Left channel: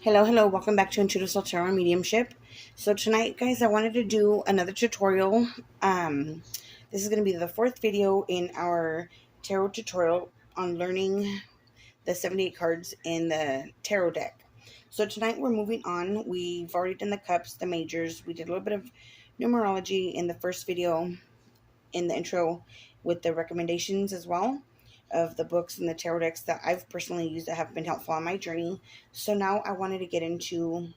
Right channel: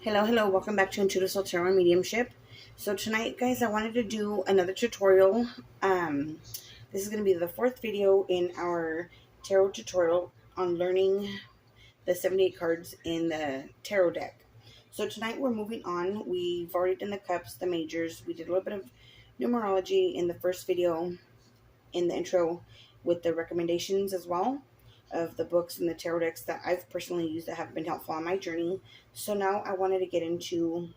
Hello, welcome back to Intuitive Soul Tarot and Mediumship. So tonight, guys, I wanted to do another tutorial. This is going to be the fourth video in our tarot tutorial on learning the 78 cards in the tarot deck. So tonight we're moving on. We've already done the cups, the majors. We did a little bit of numerology in the first video in the intro with the recommendations as well of the books and the tarot decks that I've personally used that have been helpful on my journey. So now I wanted to get into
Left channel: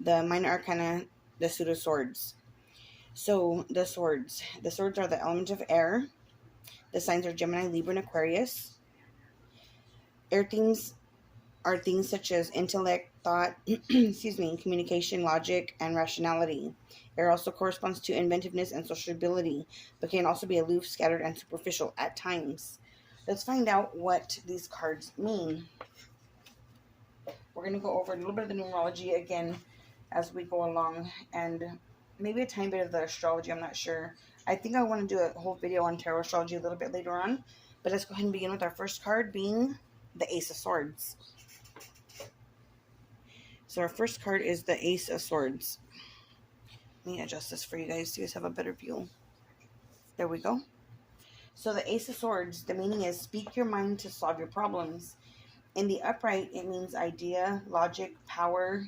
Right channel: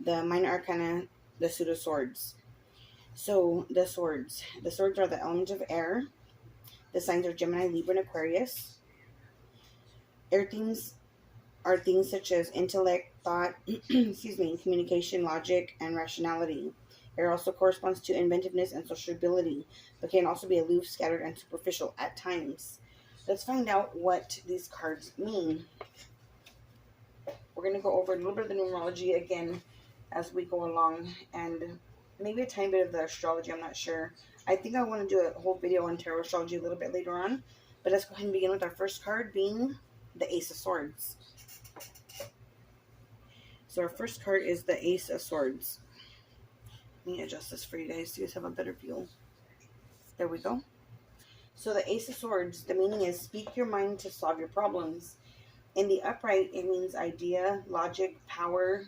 the minor arcana, the suit of swords. So the swords are the element of air. The signs are Gemini, Libra, and Aquarius. Air themes are things such as intellect, thought, communication, logic, and rationality. Air also corresponds to inventiveness and sociability, but can also be aloof, scattered, and superficial at times. Let's find out what these cards mean. We're going to go over a little bit of the numerology again as we go along, and maybe a tiny bit of the astrology. I'm not sure. I think I want to do a whole video on tarot astrology a little bit later on, but let's go ahead and begin with our first card being the Ace of Swords. So our first card is the Ace of Swords. Let me adjust this for you guys so you guys have a better view. There we go. So the Ace of Swords, the meaning is speak your mind to solve your problems. In the upright, it means idea, logic, power.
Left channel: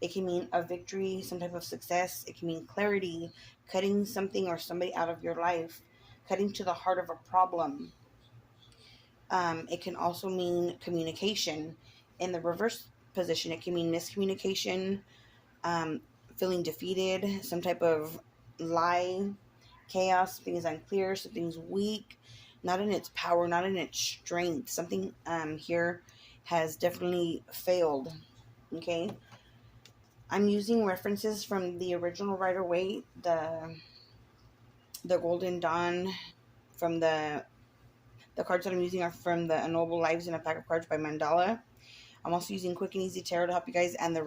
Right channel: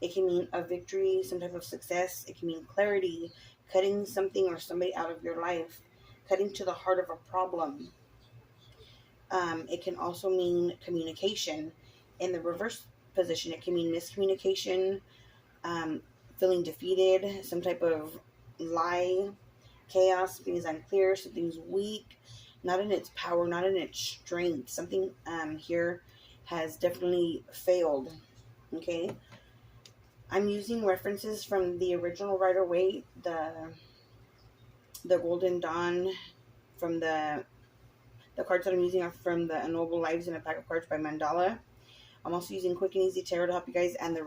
It can mean a victory, some type of success. It can mean clarity, cutting something or somebody out of your life, cutting to the heart of a problem. It can also mean communication. In the reverse position, it can mean miscommunication, feeling defeated, some type of lie, chaos, something's unclear, something's weak, not in its power, not in its strength. Something here has definitely failed. Okay, I'm using references from the original Rider-Waite, the Golden Dawn, from the cards that I'm using are from the Noble Lives in a Pack of Cards by Mandala. I'm also using Quick and Easy Tarot to help you guys, and the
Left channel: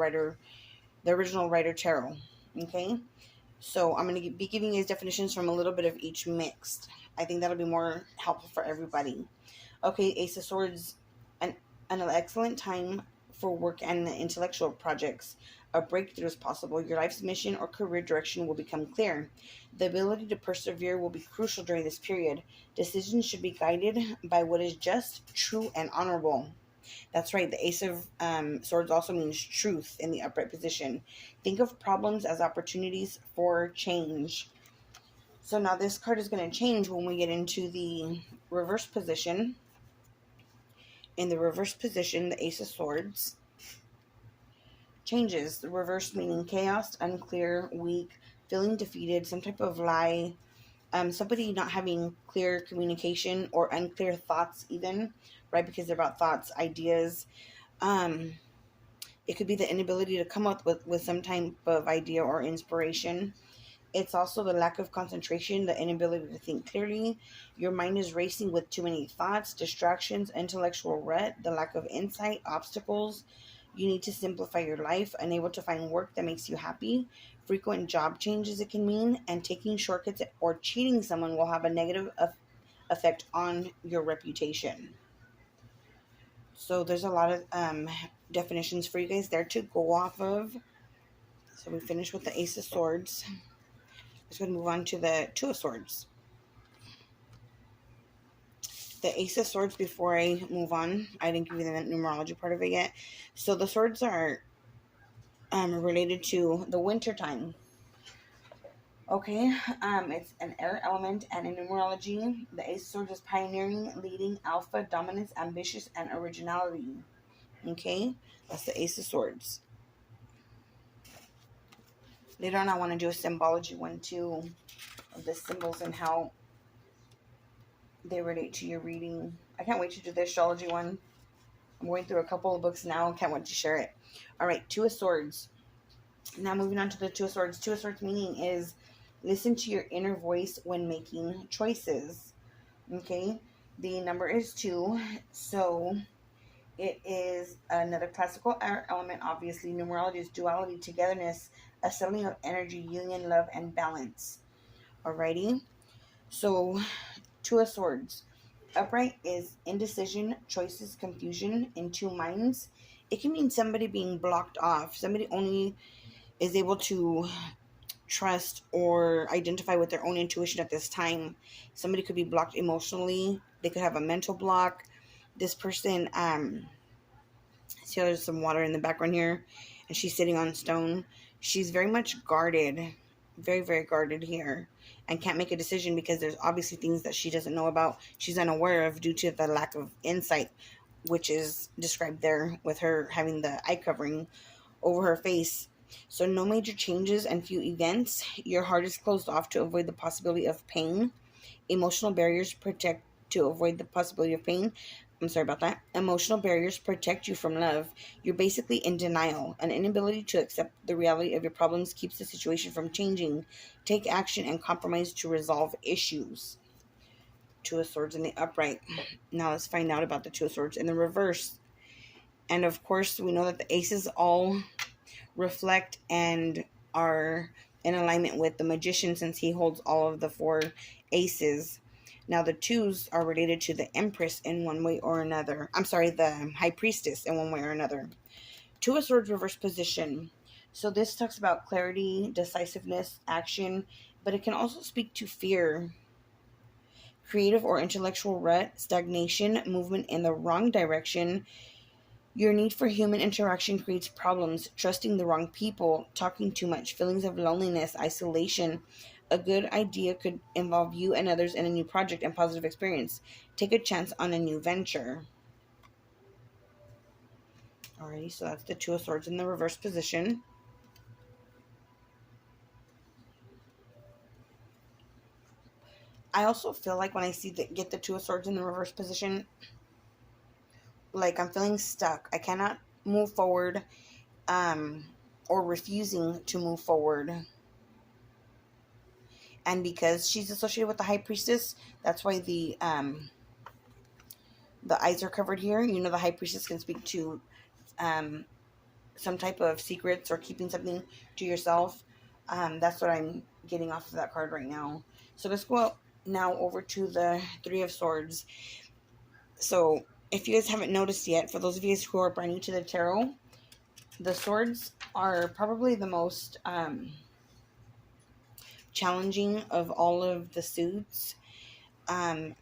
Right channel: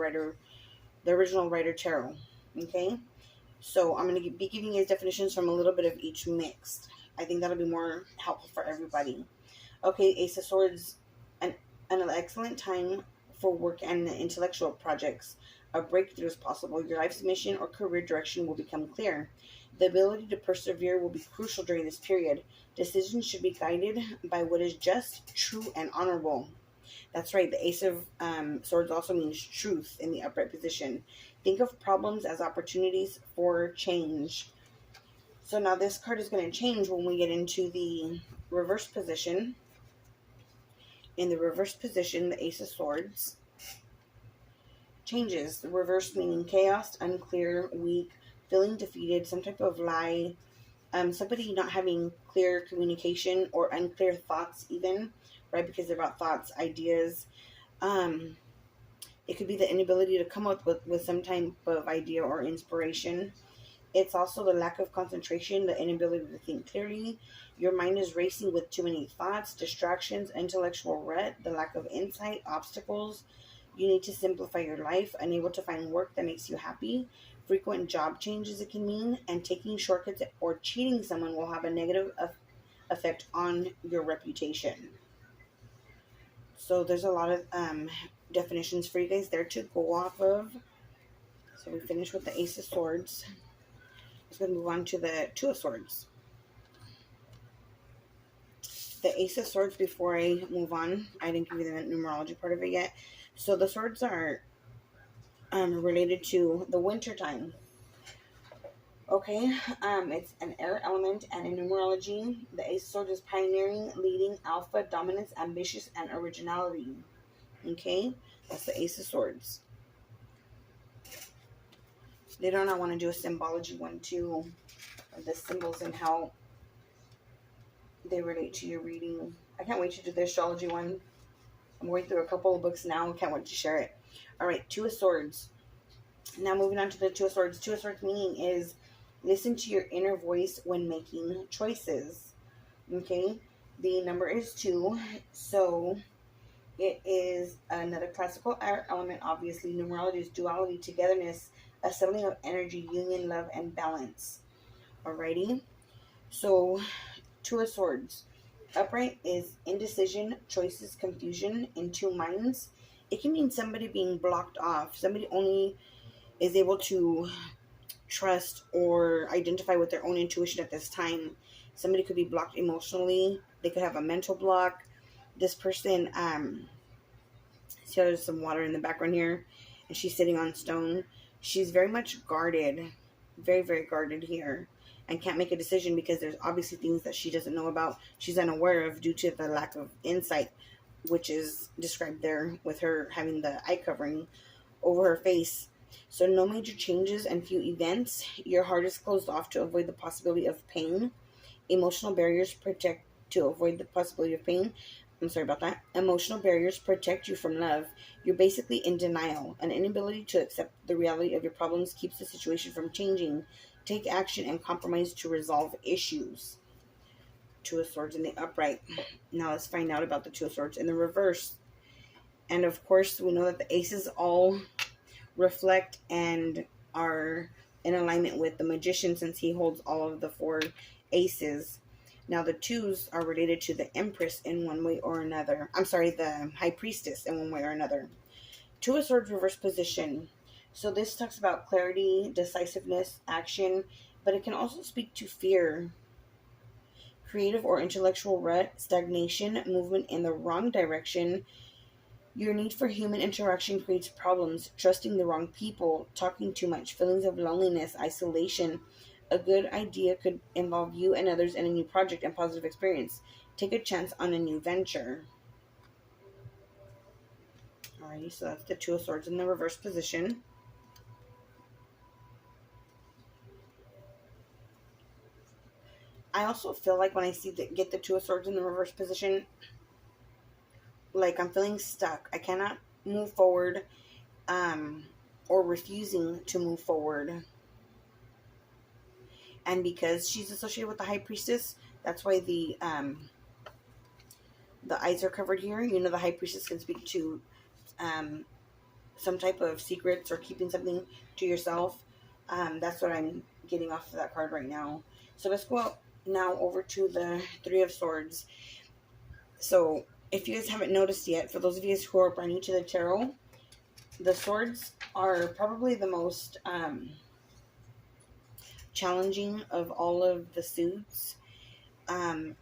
original Rider Tarot. Okay, so I'm going to be giving you guys definitions from a little bit of each mixed. I think that'll be more helpful for everybody. Okay, Ace of Swords, an excellent time for work and intellectual projects. A breakthrough is possible. Your life's mission or career direction will become clear. The ability to persevere will be crucial during this period. Decisions should be guided by what is just, true, and honorable. That's right. The Ace of Swords also means truth in the upright position. Think of problems as opportunities for change. So now this card is going to change when we get into the reverse position. In the reverse position, the Ace of Swords changes. The reverse meaning chaos, unclear, weak, feeling defeated, some type of lie, somebody not having clear communication or unclear thoughts even, right? Because they're about thoughts, ideas. It could be the inability to come up with some type of idea or inspiration. It's also the lack of concentration, the inability to think clearly. Your mind is racing with too many thoughts, distractions, intellectual rut, the lack of insight, obstacles. You need to simplify your life, unable to find work that makes you happy. Frequent job changes it can mean, and taking shortcuts or cheating someone will have a negative effect on your reputation. So there's a lot of definitions for you guys there to go off of. So we finished with the Ace of Swords. Let's go move on to the Two of Swords. The Ace of Swords, before I move on, I didn't give you the numerology part of it yet. So the swords are related to the winter time. Okay, it's an air element, and in numerology, the Ace of Swords is pioneering, leading, alpha, dominance, ambitious, and originality. Okay, that's the Ace of Swords. Later on, I want to do a symbology one too, of the symbols and how they relate to your reading. I can't wait to do the astrology one. I'm going through a couple of books now. Can't wait to share it. All right, Two of Swords. Now moving on to the Two of Swords. Two of Swords meaning is listen to your inner voice when making choices. Okay, the number is 2, so it is another classical air element. Obviously, numerology is duality, togetherness, a settling of energy, union, love, and balance. Alrighty, so Two of Swords. Upright is indecision, choices, confusion, in two minds. it can mean somebody being blocked off. Somebody only is able to trust or identify with their own intuition at this time. Somebody could be blocked emotionally. They could have a mental block. This person, see how there's some water in the background here, and she's sitting on stone. She's very much guarded, very, very guarded here, and can't make a decision because there's obviously things that she doesn't know about. She's unaware of due to the lack of insight, which is described there with her having the eye covering over her face. So no major changes and few events. Your heart is closed off to avoid the possibility of pain. Emotional barriers protect to avoid the possibility of pain. I'm sorry about that. Emotional barriers protect you from love. You're basically in denial. An inability to accept the reality of your problems keeps the situation from changing. Take action and compromise to resolve issues. Two of Swords in the upright. Now let's find out about the Two of Swords in the reverse. And of course, we know that the aces all reflect and are in alignment with the Magician, since he holds all of the 4 aces. Now the twos are related to the Empress in one way or another. I'm sorry, the High Priestess in one way or another. Two of Swords reverse position. So this talks about clarity, decisiveness, action, but it can also speak to fear, creative or intellectual rut, stagnation, movement in the wrong direction. Your need for human interaction creates problems, trusting the wrong people, talking too much, feelings of loneliness, isolation. A good idea could involve you and others in a new project and positive experience. Take a chance on a new venture. Alrighty, so that's the Two of Swords in the reverse position. I also feel like when I get the Two of Swords in the reverse position, like I'm feeling stuck. I cannot move forward, or refusing to move forward. And because she's associated with the High Priestess, that's why the eyes are covered here. You know, the High Priestess can speak to some type of secrets or keeping something to yourself. That's what I'm getting off of that card right now. So let's go now over to the Three of Swords. So if you guys haven't noticed yet, for those of you who are brand new to the tarot, the swords are probably the most challenging of all of the suits,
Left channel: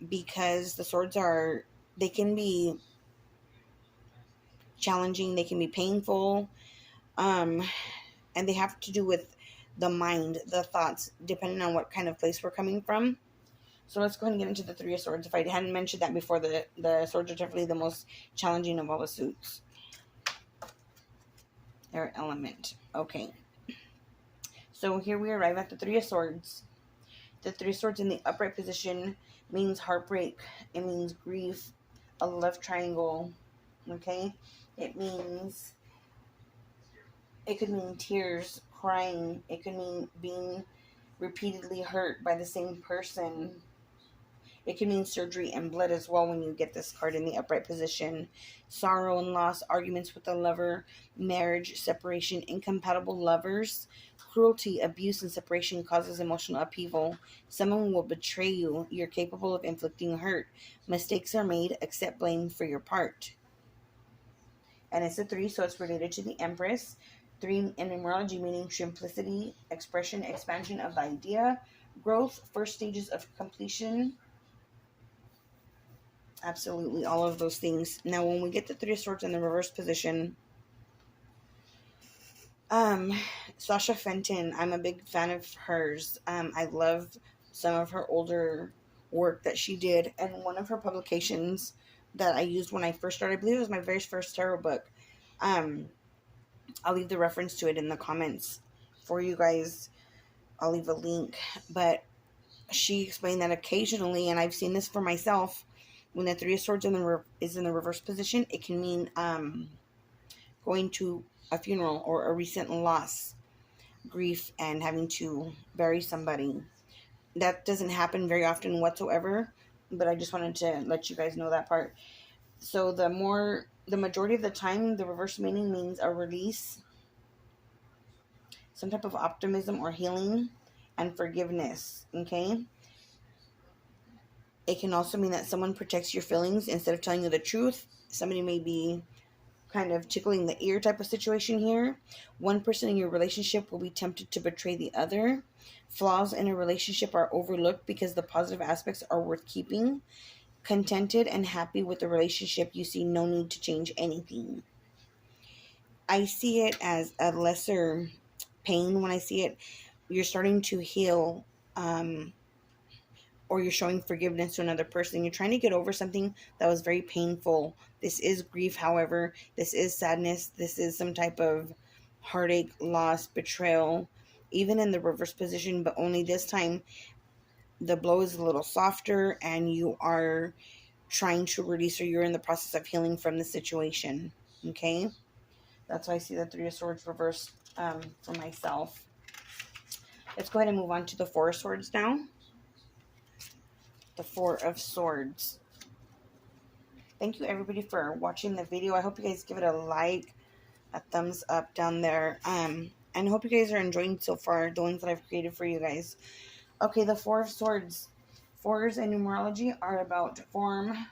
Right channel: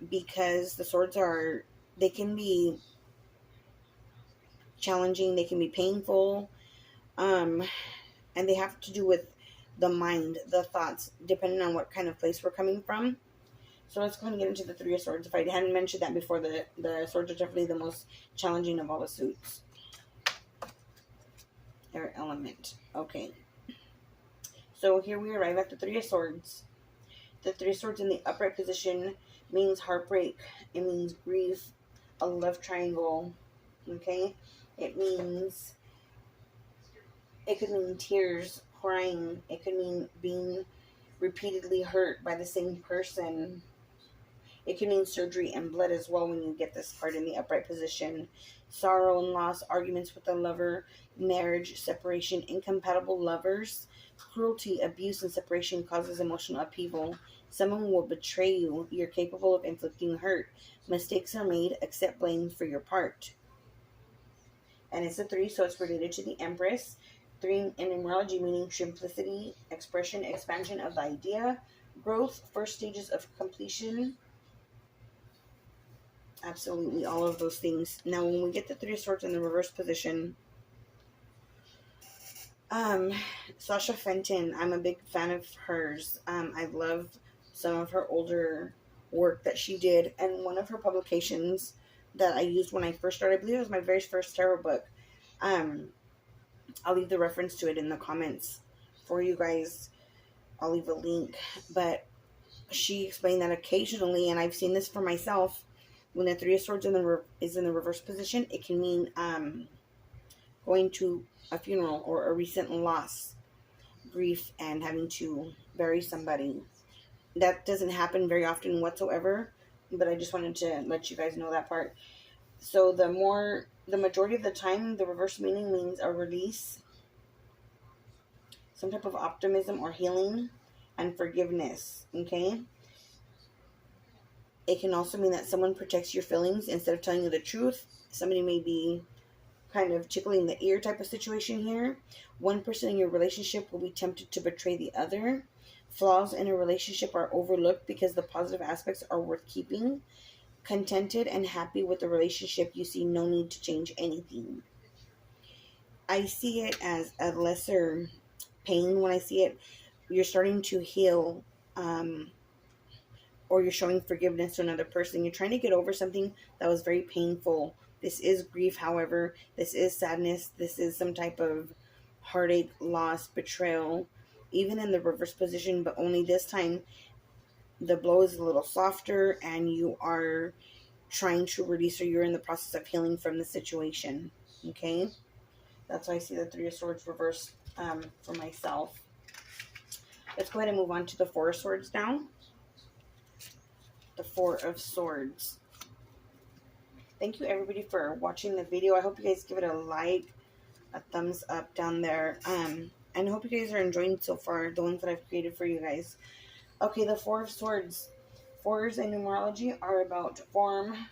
because the swords they can be challenging, they can be painful, and they have to do with the mind, the thoughts, depending on what kind of place we're coming from. So let's go ahead and get into the Three of Swords. If I hadn't mentioned that before, the swords are definitely the most challenging of all the suits. Their element. Okay. So here we arrive at the Three of Swords. The Three of Swords in the upright position means heartbreak. It means grief, a love triangle. Okay? It could mean tears, crying. It could mean being repeatedly hurt by the same person. It can mean surgery and blood as well when you get this card in the upright position. Sorrow and loss, arguments with a lover, marriage, separation, incompatible lovers. Cruelty, abuse, and separation causes emotional upheaval. Someone will betray you. You're capable of inflicting hurt. Mistakes are made. Accept blame for your part. And it's a 3, so it's related to the Empress. 3 in numerology meaning simplicity, expression, expansion of the idea, growth, first stages of completion. Absolutely, all of those things. Now, when we get the Three of Swords in the reverse position, Sasha Fenton, I'm a big fan of hers. I love some of her older work that she did, and one of her publications that I used when I first started, I believe it was my very first tarot book. I'll leave the reference to it in the comments for you guys. I'll leave a link, but she explained that occasionally, and I've seen this for myself, when the Three of Swords is in the reverse position, it can mean going to a funeral or a recent loss, grief, and having to bury somebody. That doesn't happen very often whatsoever, but I just wanted to let you guys know that part. So the majority of the time, the reverse meaning means a release, some type of optimism or healing, and forgiveness, okay? It can also mean that someone protects your feelings instead of telling you the truth. Somebody may be kind of tickling the ear type of situation here. One person in your relationship will be tempted to betray the other. Flaws in a relationship are overlooked because the positive aspects are worth keeping. Contented and happy with the relationship, you see no need to change anything. I see it as a lesser pain when I see it. You're starting to heal, or you're showing forgiveness to another person. You're trying to get over something that was very painful. This is grief, however. This is sadness. This is some type of heartache, loss, betrayal, even in the reverse position, but only this time the blow is a little softer and you are trying to release, or you're in the process of healing from the situation. Okay? That's why I see the Three of Swords reversed for myself. Let's go ahead and move on to the Four of Swords now. The Four of Swords. Thank you everybody for watching the video. I hope you guys give it a like, a thumbs up down there. And I hope you guys are enjoying so far the ones that I've created for you guys. Okay, the Four of Swords. Fours in numerology are about form,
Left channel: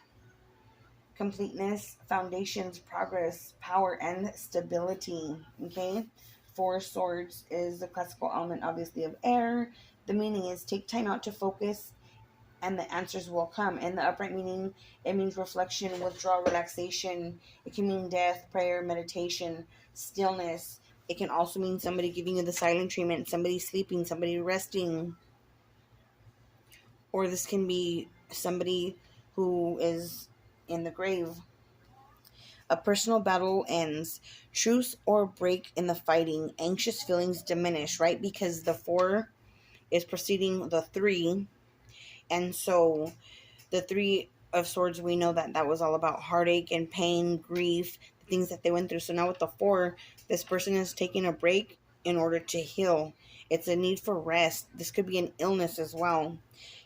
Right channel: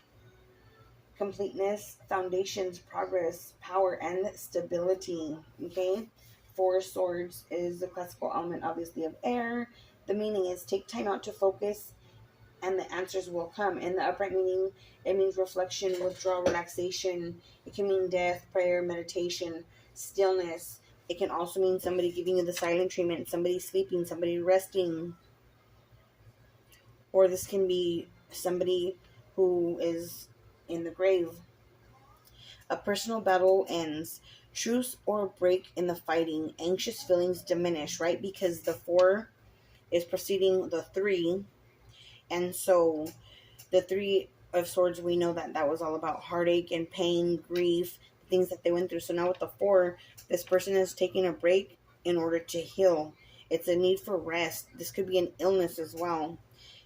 completeness, foundations, progress, power, and stability. Okay? Four of Swords is the classical element, obviously, of air. The meaning is take time out to focus and the answers will come. In the upright meaning, it means reflection, withdrawal, relaxation. It can mean death, prayer, meditation, stillness. It can also mean somebody giving you the silent treatment, somebody sleeping, somebody resting. Or this can be somebody who is in the grave. A personal battle ends. Truce or break in the fighting. Anxious feelings diminish, right? Because the 4 is preceding the 3. And so the Three of Swords, we know that that was all about heartache and pain, grief, the things that they went through. So now with the 4, this person is taking a break in order to heal. It's a need for rest. This could be an illness as well.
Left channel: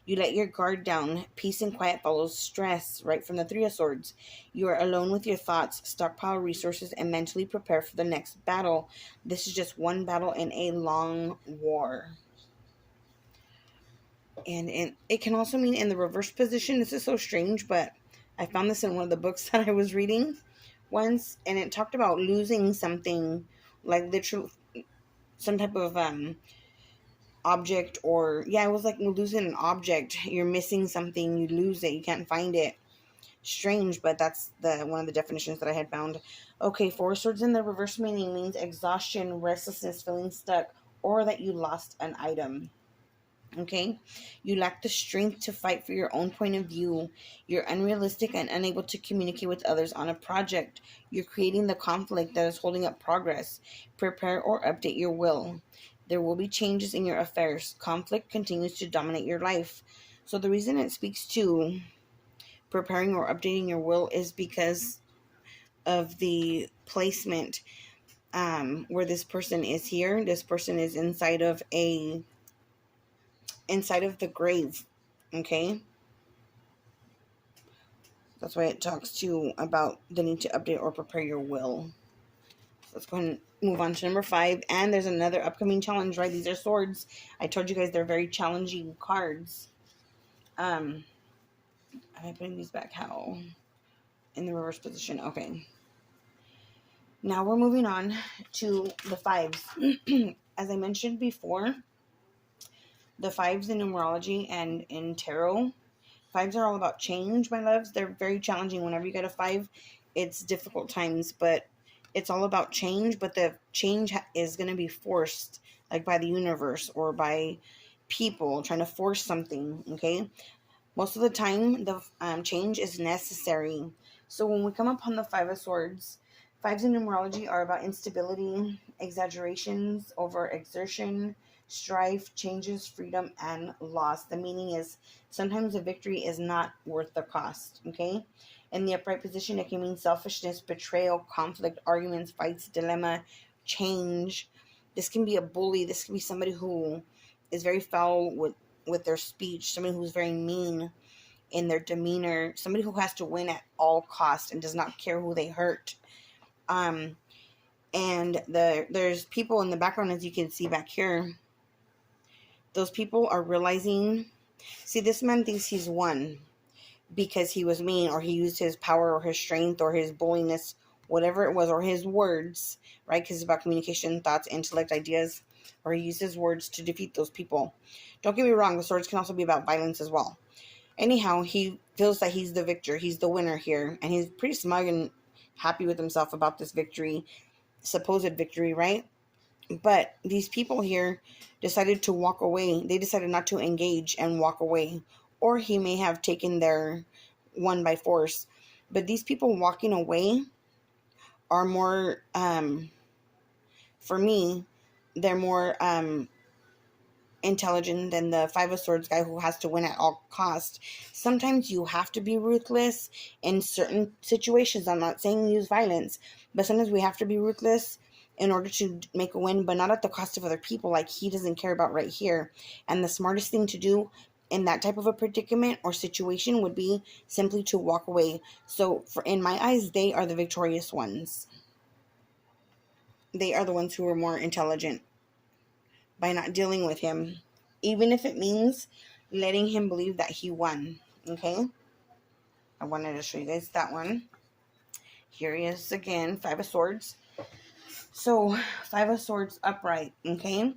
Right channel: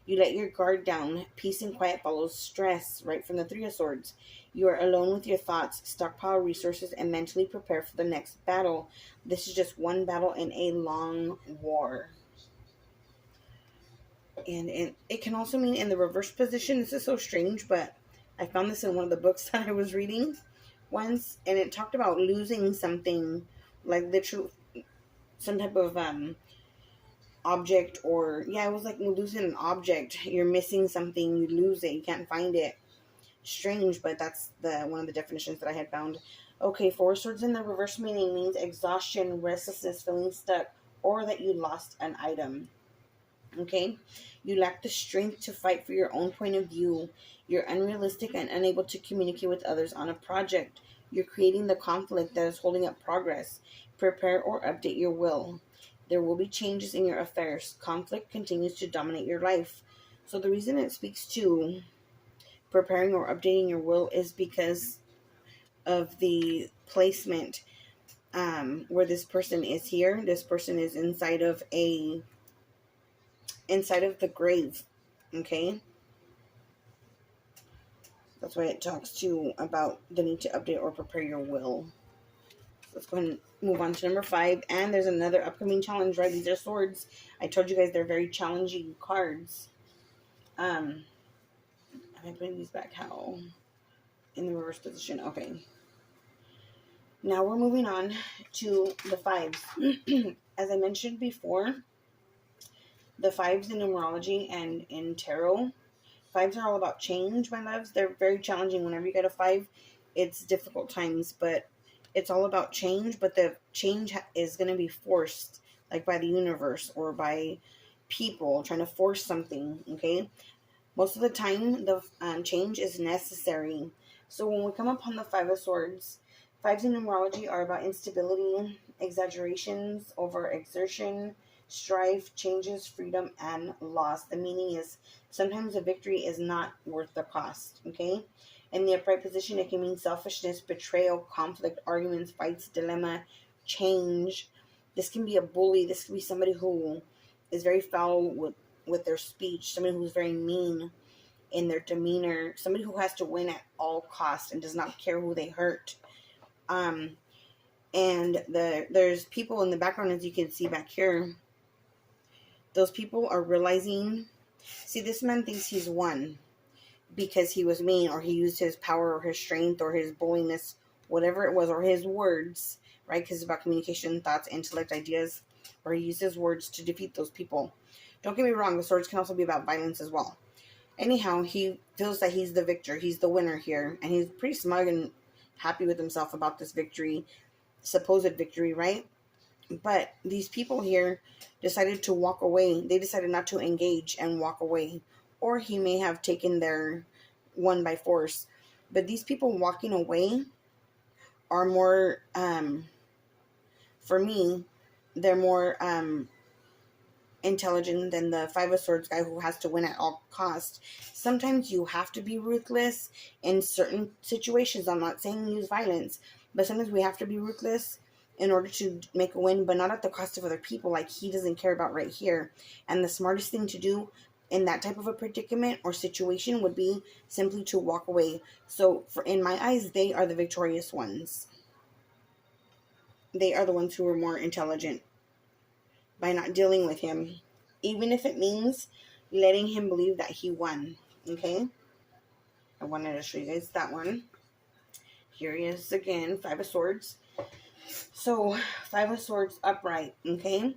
You let your guard down. Peace and quiet follows stress, right from the Three of Swords. You are alone with your thoughts, stockpile resources, and mentally prepare for the next battle. This is just one battle in a long war. And it can also mean in the reverse position. This is so strange, but I found this in one of the books that I was reading once, and it talked about losing something, like literally some type of object, or yeah, it was like losing an object. You're missing something, you lose it, you can't find it. Strange, but that's the one of the definitions that I had found. Okay, Four Swords in the reverse meaning means exhaustion, restlessness, feeling stuck, or that you lost an item. Okay, you lack the strength to fight for your own point of view. You're unrealistic and unable to communicate with others on a project. You're creating the conflict that is holding up progress. Prepare or update your will. There will be changes in your affairs. Conflict continues to dominate your life. So the reason it speaks to preparing or updating your will is because of the placement where this person is here. This person is inside of the grave. Okay, that's why it talks to about the need to update or prepare your will. So let's go ahead and move on to number 5. And there's another upcoming challenge, right? These are swords. I told you guys they're very challenging cards. I'm putting these back how in the reverse position. Okay, now we're moving on to the 5s. As I mentioned before, the 5s in numerology and in tarot, 5s are all about change, my loves. They're very challenging. Whenever you get a 5, it's difficult times, but it's all about change. But the change is going to be forced, like by the universe or by people trying to force something. Okay, most of the time the change is necessary. So when we come upon the 5 of Swords, 5s in numerology are about instability, exaggerations, over exertion, strife, changes, freedom, and loss. The meaning is sometimes a victory is not worth the cost. Okay, in the upright position, it can mean selfishness, betrayal, conflict, arguments, fights, dilemma, change. This can be a bully. This can be somebody who is very foul with their speech, somebody who's very mean in their demeanor, somebody who has to win at all costs and does not care who they hurt. And there's people in the background, as you can see back here. Those people are realizing, see, this man thinks he's won because he was mean, or he used his power or his strength or his bulliness whatever it was, or his words, right? Because it's about communication, thoughts, intellect, ideas, or he used his words to defeat those people. Don't get me wrong, the swords can also be about violence as well. Anyhow, he feels that he's the victor, he's the winner here, and he's pretty smug and happy with himself about this victory, supposed victory, right? But these people here decided to walk away. They decided not to engage and walk away. Or he may have taken their one by force. But these people walking away are more, for me, they're more intelligent than the Five of Swords guy who has to win at all cost. Sometimes you have to be ruthless in certain situations. I'm not saying use violence, but sometimes we have to be ruthless in order to make a win, but not at the cost of other people, like he doesn't care about right here. And the smartest thing to do in that type of a predicament or situation would be simply to walk away. So in my eyes, they are the victorious ones. They are the ones who are more intelligent by not dealing with him, even if it means letting him believe that he won. Okay, I wanted to show you guys that one. Here he is again, Five of Swords. So, Five of Swords upright, okay?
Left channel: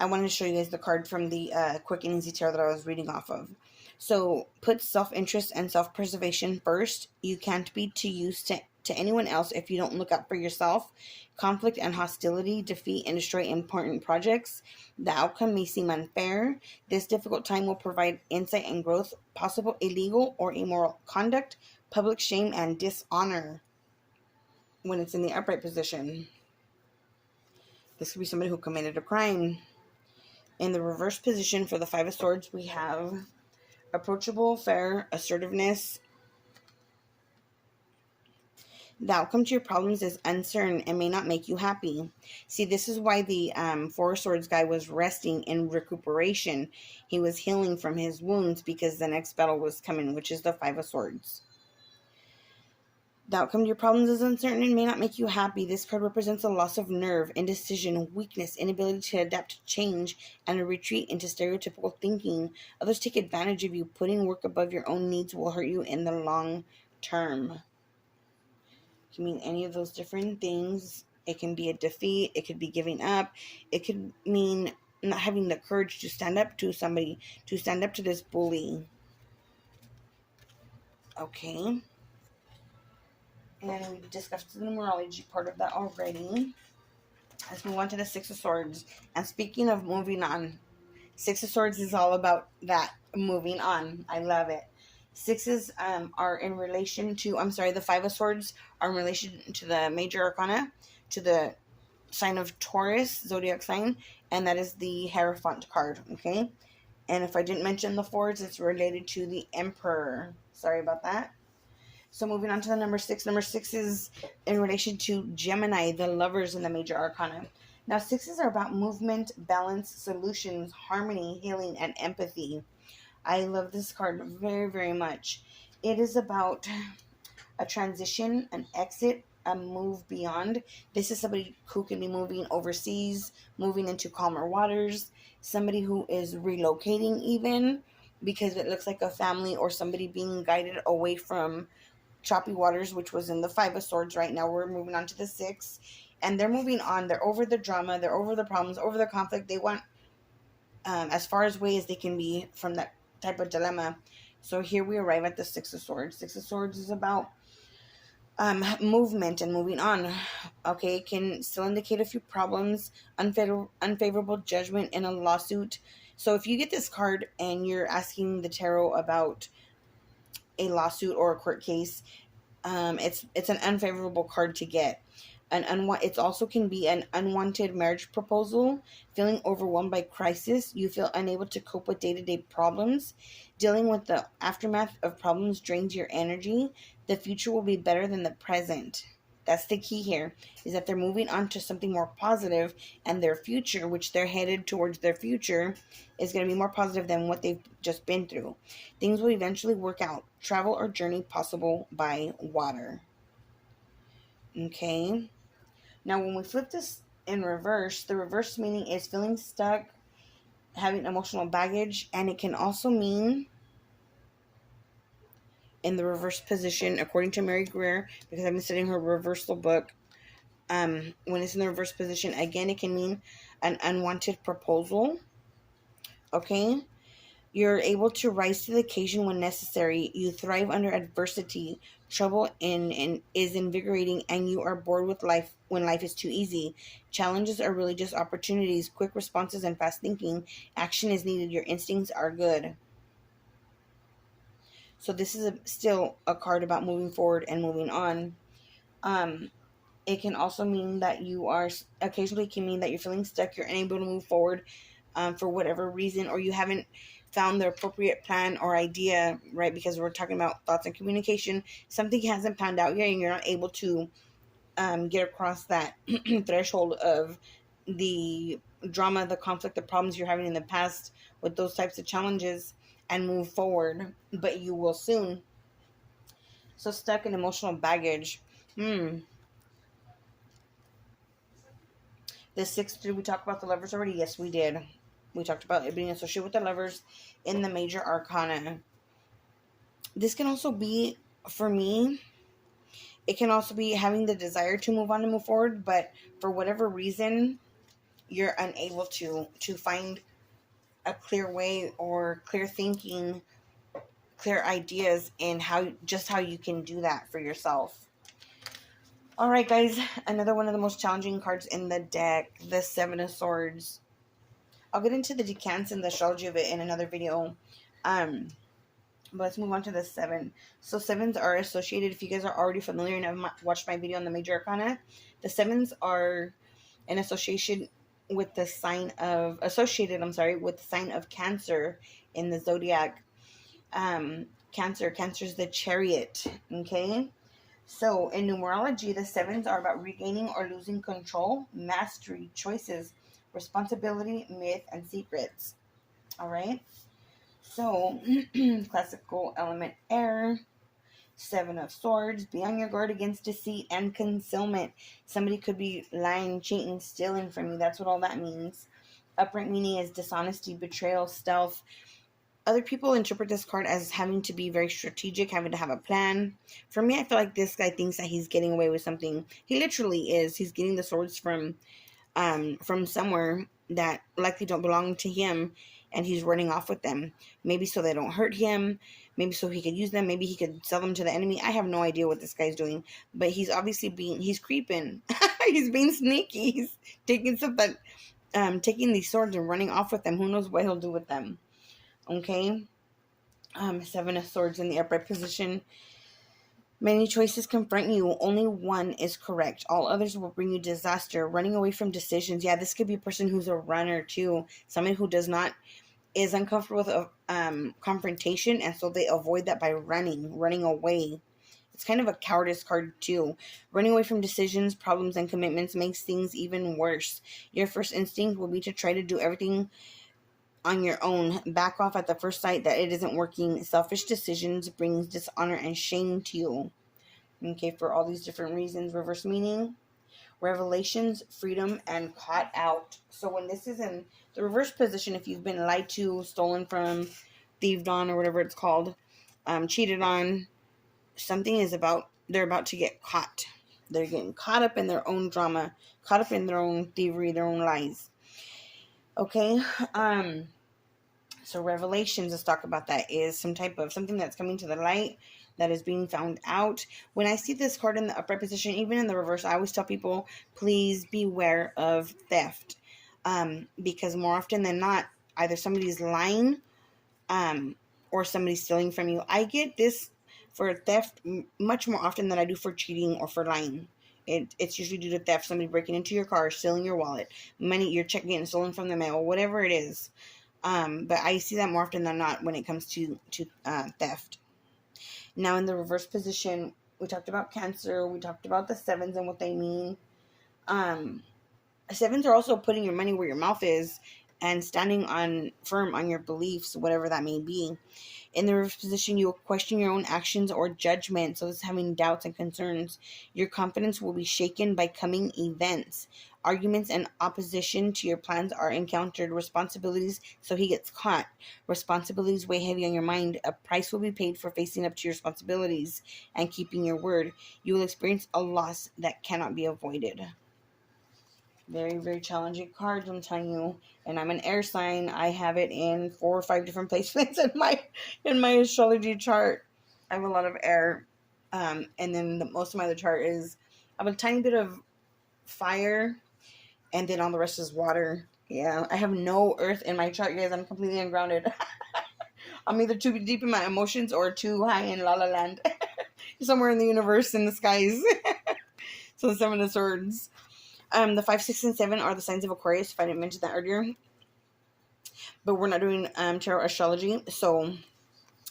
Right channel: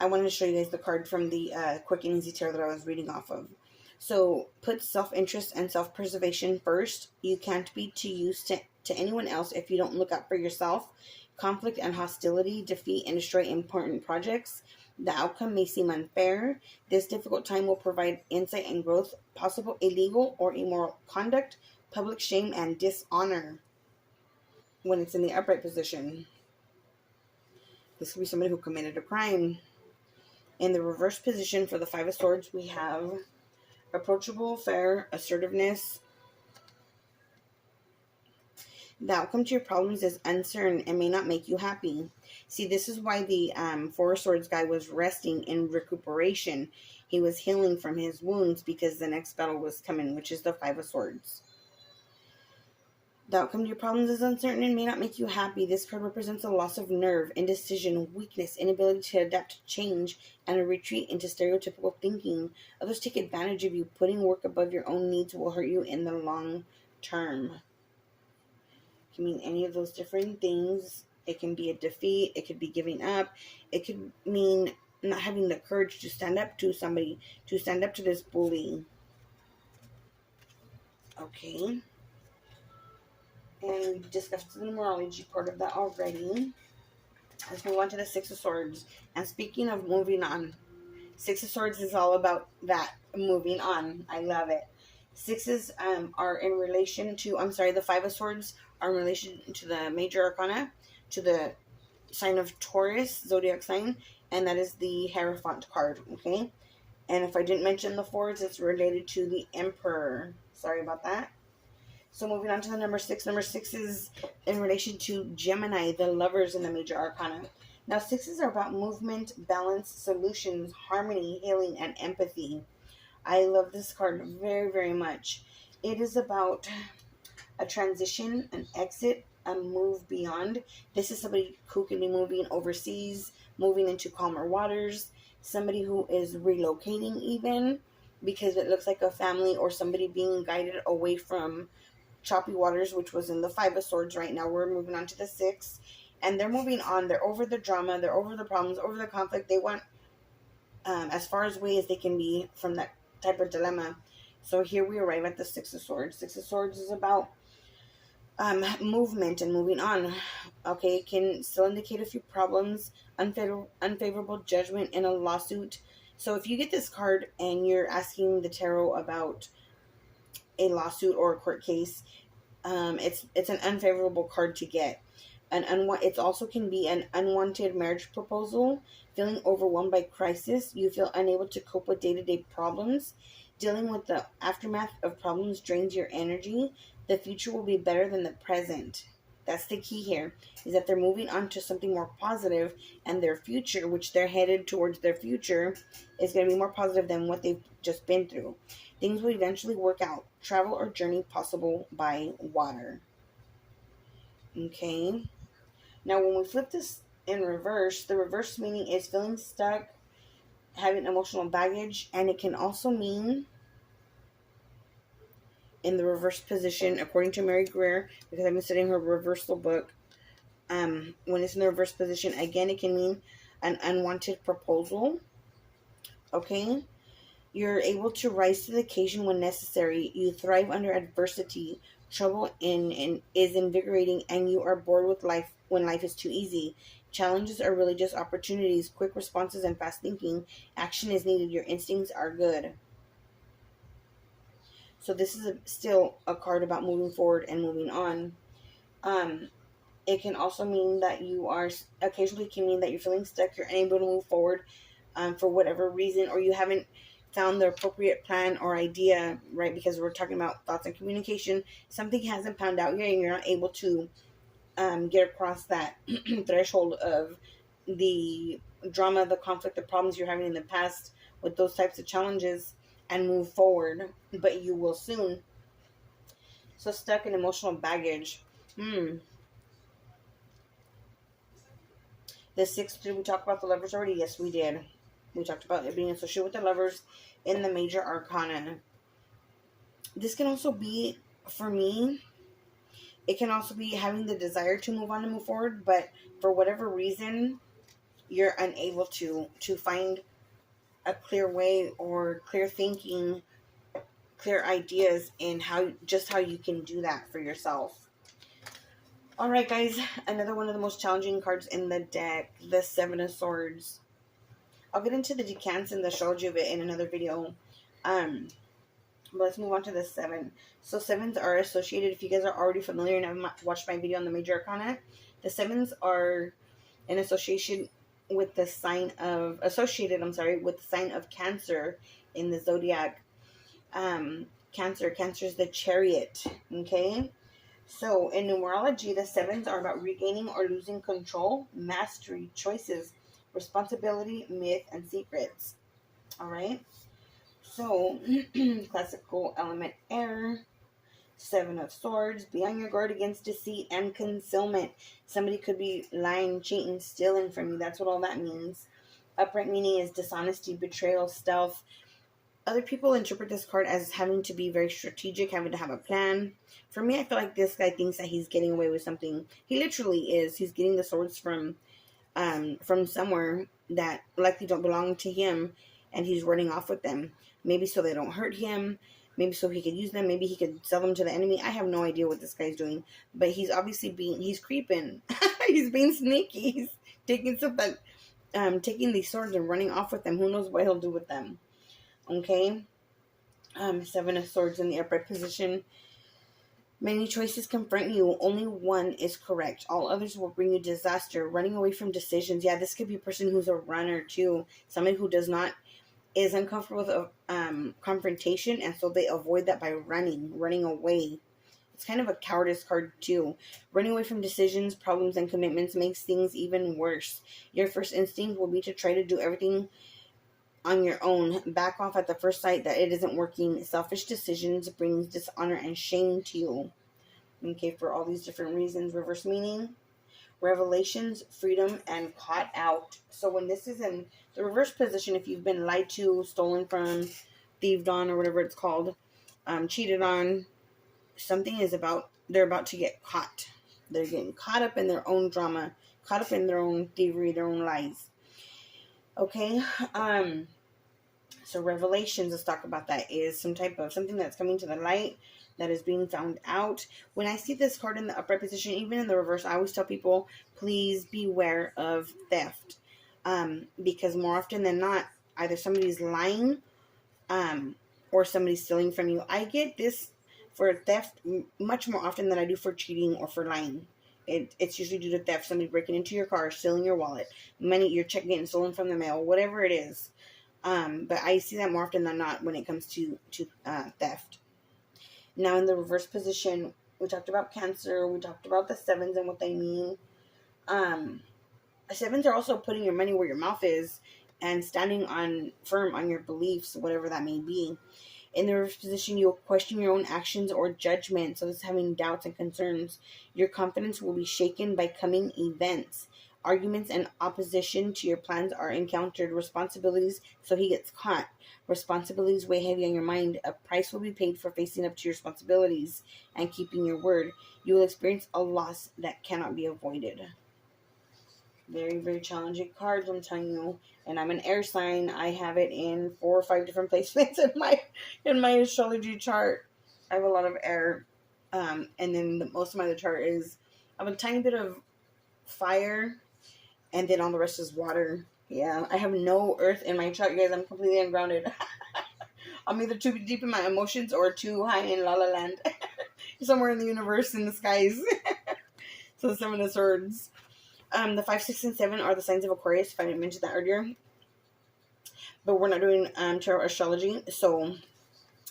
I wanted to show you guys the card from the Quick and Easy Tarot that I was reading off of. So, put self-interest and self-preservation first. You can't be too used to anyone else if you don't look out for yourself. Conflict and hostility defeat and destroy important projects. The outcome may seem unfair. This difficult time will provide insight and growth, possible illegal or immoral conduct, public shame, and dishonor. When it's in the upright position, this could be somebody who committed a crime. In the reverse position for the Five of Swords, we have approachable, fair, assertiveness. The outcome to your problems is uncertain and may not make you happy. See, this is why the Four of Swords guy was resting in recuperation. He was healing from his wounds because the next battle was coming, which is the Five of Swords. The outcome to your problems is uncertain and may not make you happy. This card represents a loss of nerve, indecision, weakness, inability to adapt to change, and a retreat into stereotypical thinking. Others take advantage of you. Putting work above your own needs will hurt you in the long term. It can mean any of those different things. It can be a defeat. It could be giving up. It could mean not having the courage to stand up to somebody, to stand up to this bully. Okay. And we discussed the numerology part of that already. Let's move on to the Six of Swords. And speaking of moving on, Six of Swords is all about that, moving on. I love it. Sixes are in relation to, the Five of Swords are in relation to the major arcana, to the sign of Taurus, zodiac sign, and that is the Hierophant card, okay? And if I didn't mention the fours, it's related to the Emperor. Sorry about that. So moving on to the number 6. Number 6 is in relation to Gemini, the lovers in the major arcana. Now, sixes are about movement, balance, solutions, harmony, healing, and empathy. I love this card very, very much. It is about a transition, an exit, a move beyond. This is somebody who can be moving overseas, moving into calmer waters, somebody who is relocating even, because it looks like a family or somebody being guided away from choppy waters, which was in the Five of Swords. Right now we're moving on to the 6, and they're moving on. They're over the drama, they're over the problems, over the conflict. They want as far away as they can be from that type of dilemma. So here we arrive at the Six of Swords. Six of Swords is about movement and moving on. Okay, it can still indicate a few problems, unfavorable judgment in a lawsuit. So if you get this card and you're asking the tarot about a lawsuit or a court case, it's an unfavorable card to get. It also can be an unwanted marriage proposal, feeling overwhelmed by crisis. You feel unable to cope with day-to-day problems. Dealing with the aftermath of problems drains your energy. The future will be better than the present. That's the key here, is that they're moving on to something more positive, and their future, which they're headed towards their future, is going to be more positive than what they've just been through. Things will eventually work out. Travel or journey possible by water. Okay. Now, when we flip this in reverse, the reverse meaning is feeling stuck, having emotional baggage, and it can also mean in the reverse position, according to Mary Greer, because I've been studying her reversal book, when it's in the reverse position, again, it can mean an unwanted proposal. Okay? You're able to rise to the occasion when necessary. You thrive under adversity. Trouble is invigorating, and you are bored with life when life is too easy. Challenges are really just opportunities. Quick responses and fast thinking. Action is needed. Your instincts are good. So this is still a card about moving forward and moving on. It can also mean that you are, occasionally can mean that you're feeling stuck, you're unable to move forward for whatever reason, or you haven't found the appropriate plan or idea, right? Because we're talking about thoughts and communication. Something hasn't panned out yet, and you're not able to get across that threshold of the drama, the conflict, the problems you're having in the past with those types of challenges and move forward, but you will soon. So stuck in emotional baggage. The sixth, did we talk about the Lovers already? Yes, we did. We talked about it being associated with the Lovers in the major arcana. This can also be, for me, it can also be having the desire to move on and move forward, but for whatever reason, you're unable to find a clear way or clear thinking, clear ideas in how you can do that for yourself. All right, guys, another one of the most challenging cards in the deck, the Seven of Swords. I'll get into the decants and the astrology of it in another video. But let's move on to the 7. So 7s are associated, if you guys are already familiar and have watched my video on the major arcana, the 7s are in association with the sign of, with the sign of Cancer in the zodiac. Cancer is the Chariot, okay? So, in numerology, the 7s are about regaining or losing control, mastery, choices, responsibility, myth, and secrets. All right? So, classical element air, 7 of Swords, be on your guard against deceit and concealment. Somebody could be lying, cheating, stealing from you. That's what all that means. Upright meaning is dishonesty, betrayal, stealth. Other people interpret this card as having to be very strategic, having to have a plan. For me, I feel like this guy thinks that he's getting away with something. He literally is. He's getting the swords from somewhere that likely don't belong to him, and he's running off with them. Maybe so they don't hurt him. Maybe so he could use them. Maybe he could sell them to the enemy. I have no idea what this guy's doing. But he's obviously he's creeping. He's being sneaky. He's taking something, taking these swords and running off with them. Who knows what he'll do with them. Okay, 7 of Swords in the upright position. Many choices confront you. Only one is correct. All others will bring you disaster. Running away from decisions. Yeah, this could be a person who's a runner too. Someone who is uncomfortable with confrontation, and so they avoid that by running away. It's kind of a cowardice card too. Running away from decisions, problems, and commitments makes things even worse. Your first instinct will be to try to do everything on your own. Back off at the first sight that it isn't working. Selfish decisions brings dishonor and shame to you. Okay, for all these different reasons. Reverse meaning, revelations, freedom, and caught out. So when this is in the reverse position, if you've been lied to, stolen from, thieved on, or whatever it's called, cheated on, they're about to get caught. They're getting caught up in their own drama, caught up in their own thievery, their own lies. Okay, so revelations, let's talk about that, is something that's coming to the light, that is being found out. When I see this card in the upright position, even in the reverse, I always tell people, please beware of theft, because more often than not, either somebody's lying, or somebody's stealing from you. I get this for theft much more often than I do for cheating or for lying. It's usually due to theft, somebody breaking into your car, stealing your wallet, money, your check getting stolen from the mail, whatever it is. But I see that more often than not when it comes to theft. Now in the reverse position, we talked about Cancer, we talked about the 7s and what they mean. 7s are also putting your money where your mouth is. and standing on firm on your beliefs, whatever that may be. In the reverse position, you'll question your own actions or judgment. So this is having doubts and concerns. Your confidence will be shaken by coming events. Arguments and opposition to your plans are encountered. Responsibilities, so he gets caught. Responsibilities weigh heavy on your mind. A price will be paid for facing up to your responsibilities and keeping your word. You will experience a loss that cannot be avoided. Very, very challenging cards, I'm telling you. And I'm an air sign. I have it in 4 or 5 different placements in my astrology chart. I have a lot of air. And then most of my other chart is, I have a tiny bit of fire, and then all the rest is water. Yeah, I have no earth in my chart, you guys. I'm completely ungrounded. I'm either too deep in my emotions or too high in La La Land. Somewhere in the universe, in the skies. So the 7 of Swords. The 5, 6, and 7 are the signs of Aquarius, if I didn't mention that earlier. But we're not doing tarot astrology, so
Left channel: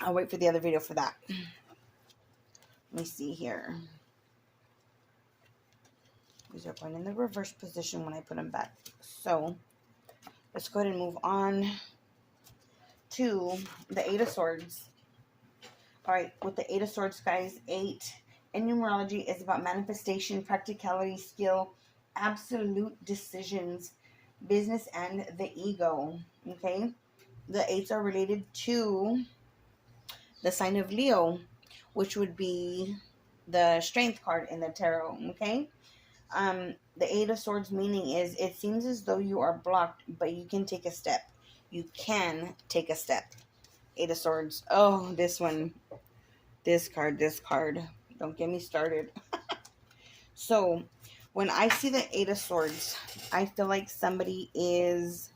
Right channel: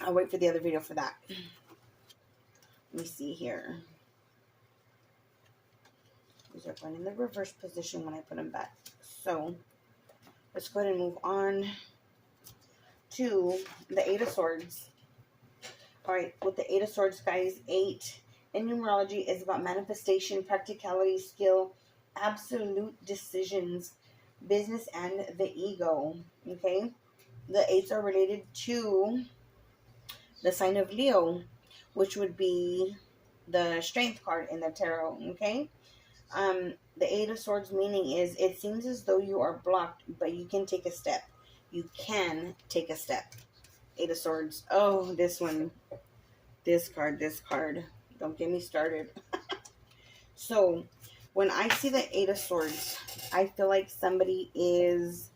I'll wait for the other video for that. Let me see here. These are going in the reverse position when I put them back. So let's go ahead and move on to the 8 of Swords. All right, with the 8 of Swords, guys, 8 in numerology is about manifestation, practicality, skill, absolute decisions, business, and the ego. Okay, the 8s are related to the sign of Leo, which would be the strength card in the tarot. Okay, the 8 of Swords meaning is, it seems as though you are blocked, but you can take a step. You can take a step. 8 of Swords. Oh, this one, this card. Don't get me started. So when I see the 8 of Swords, I feel like somebody is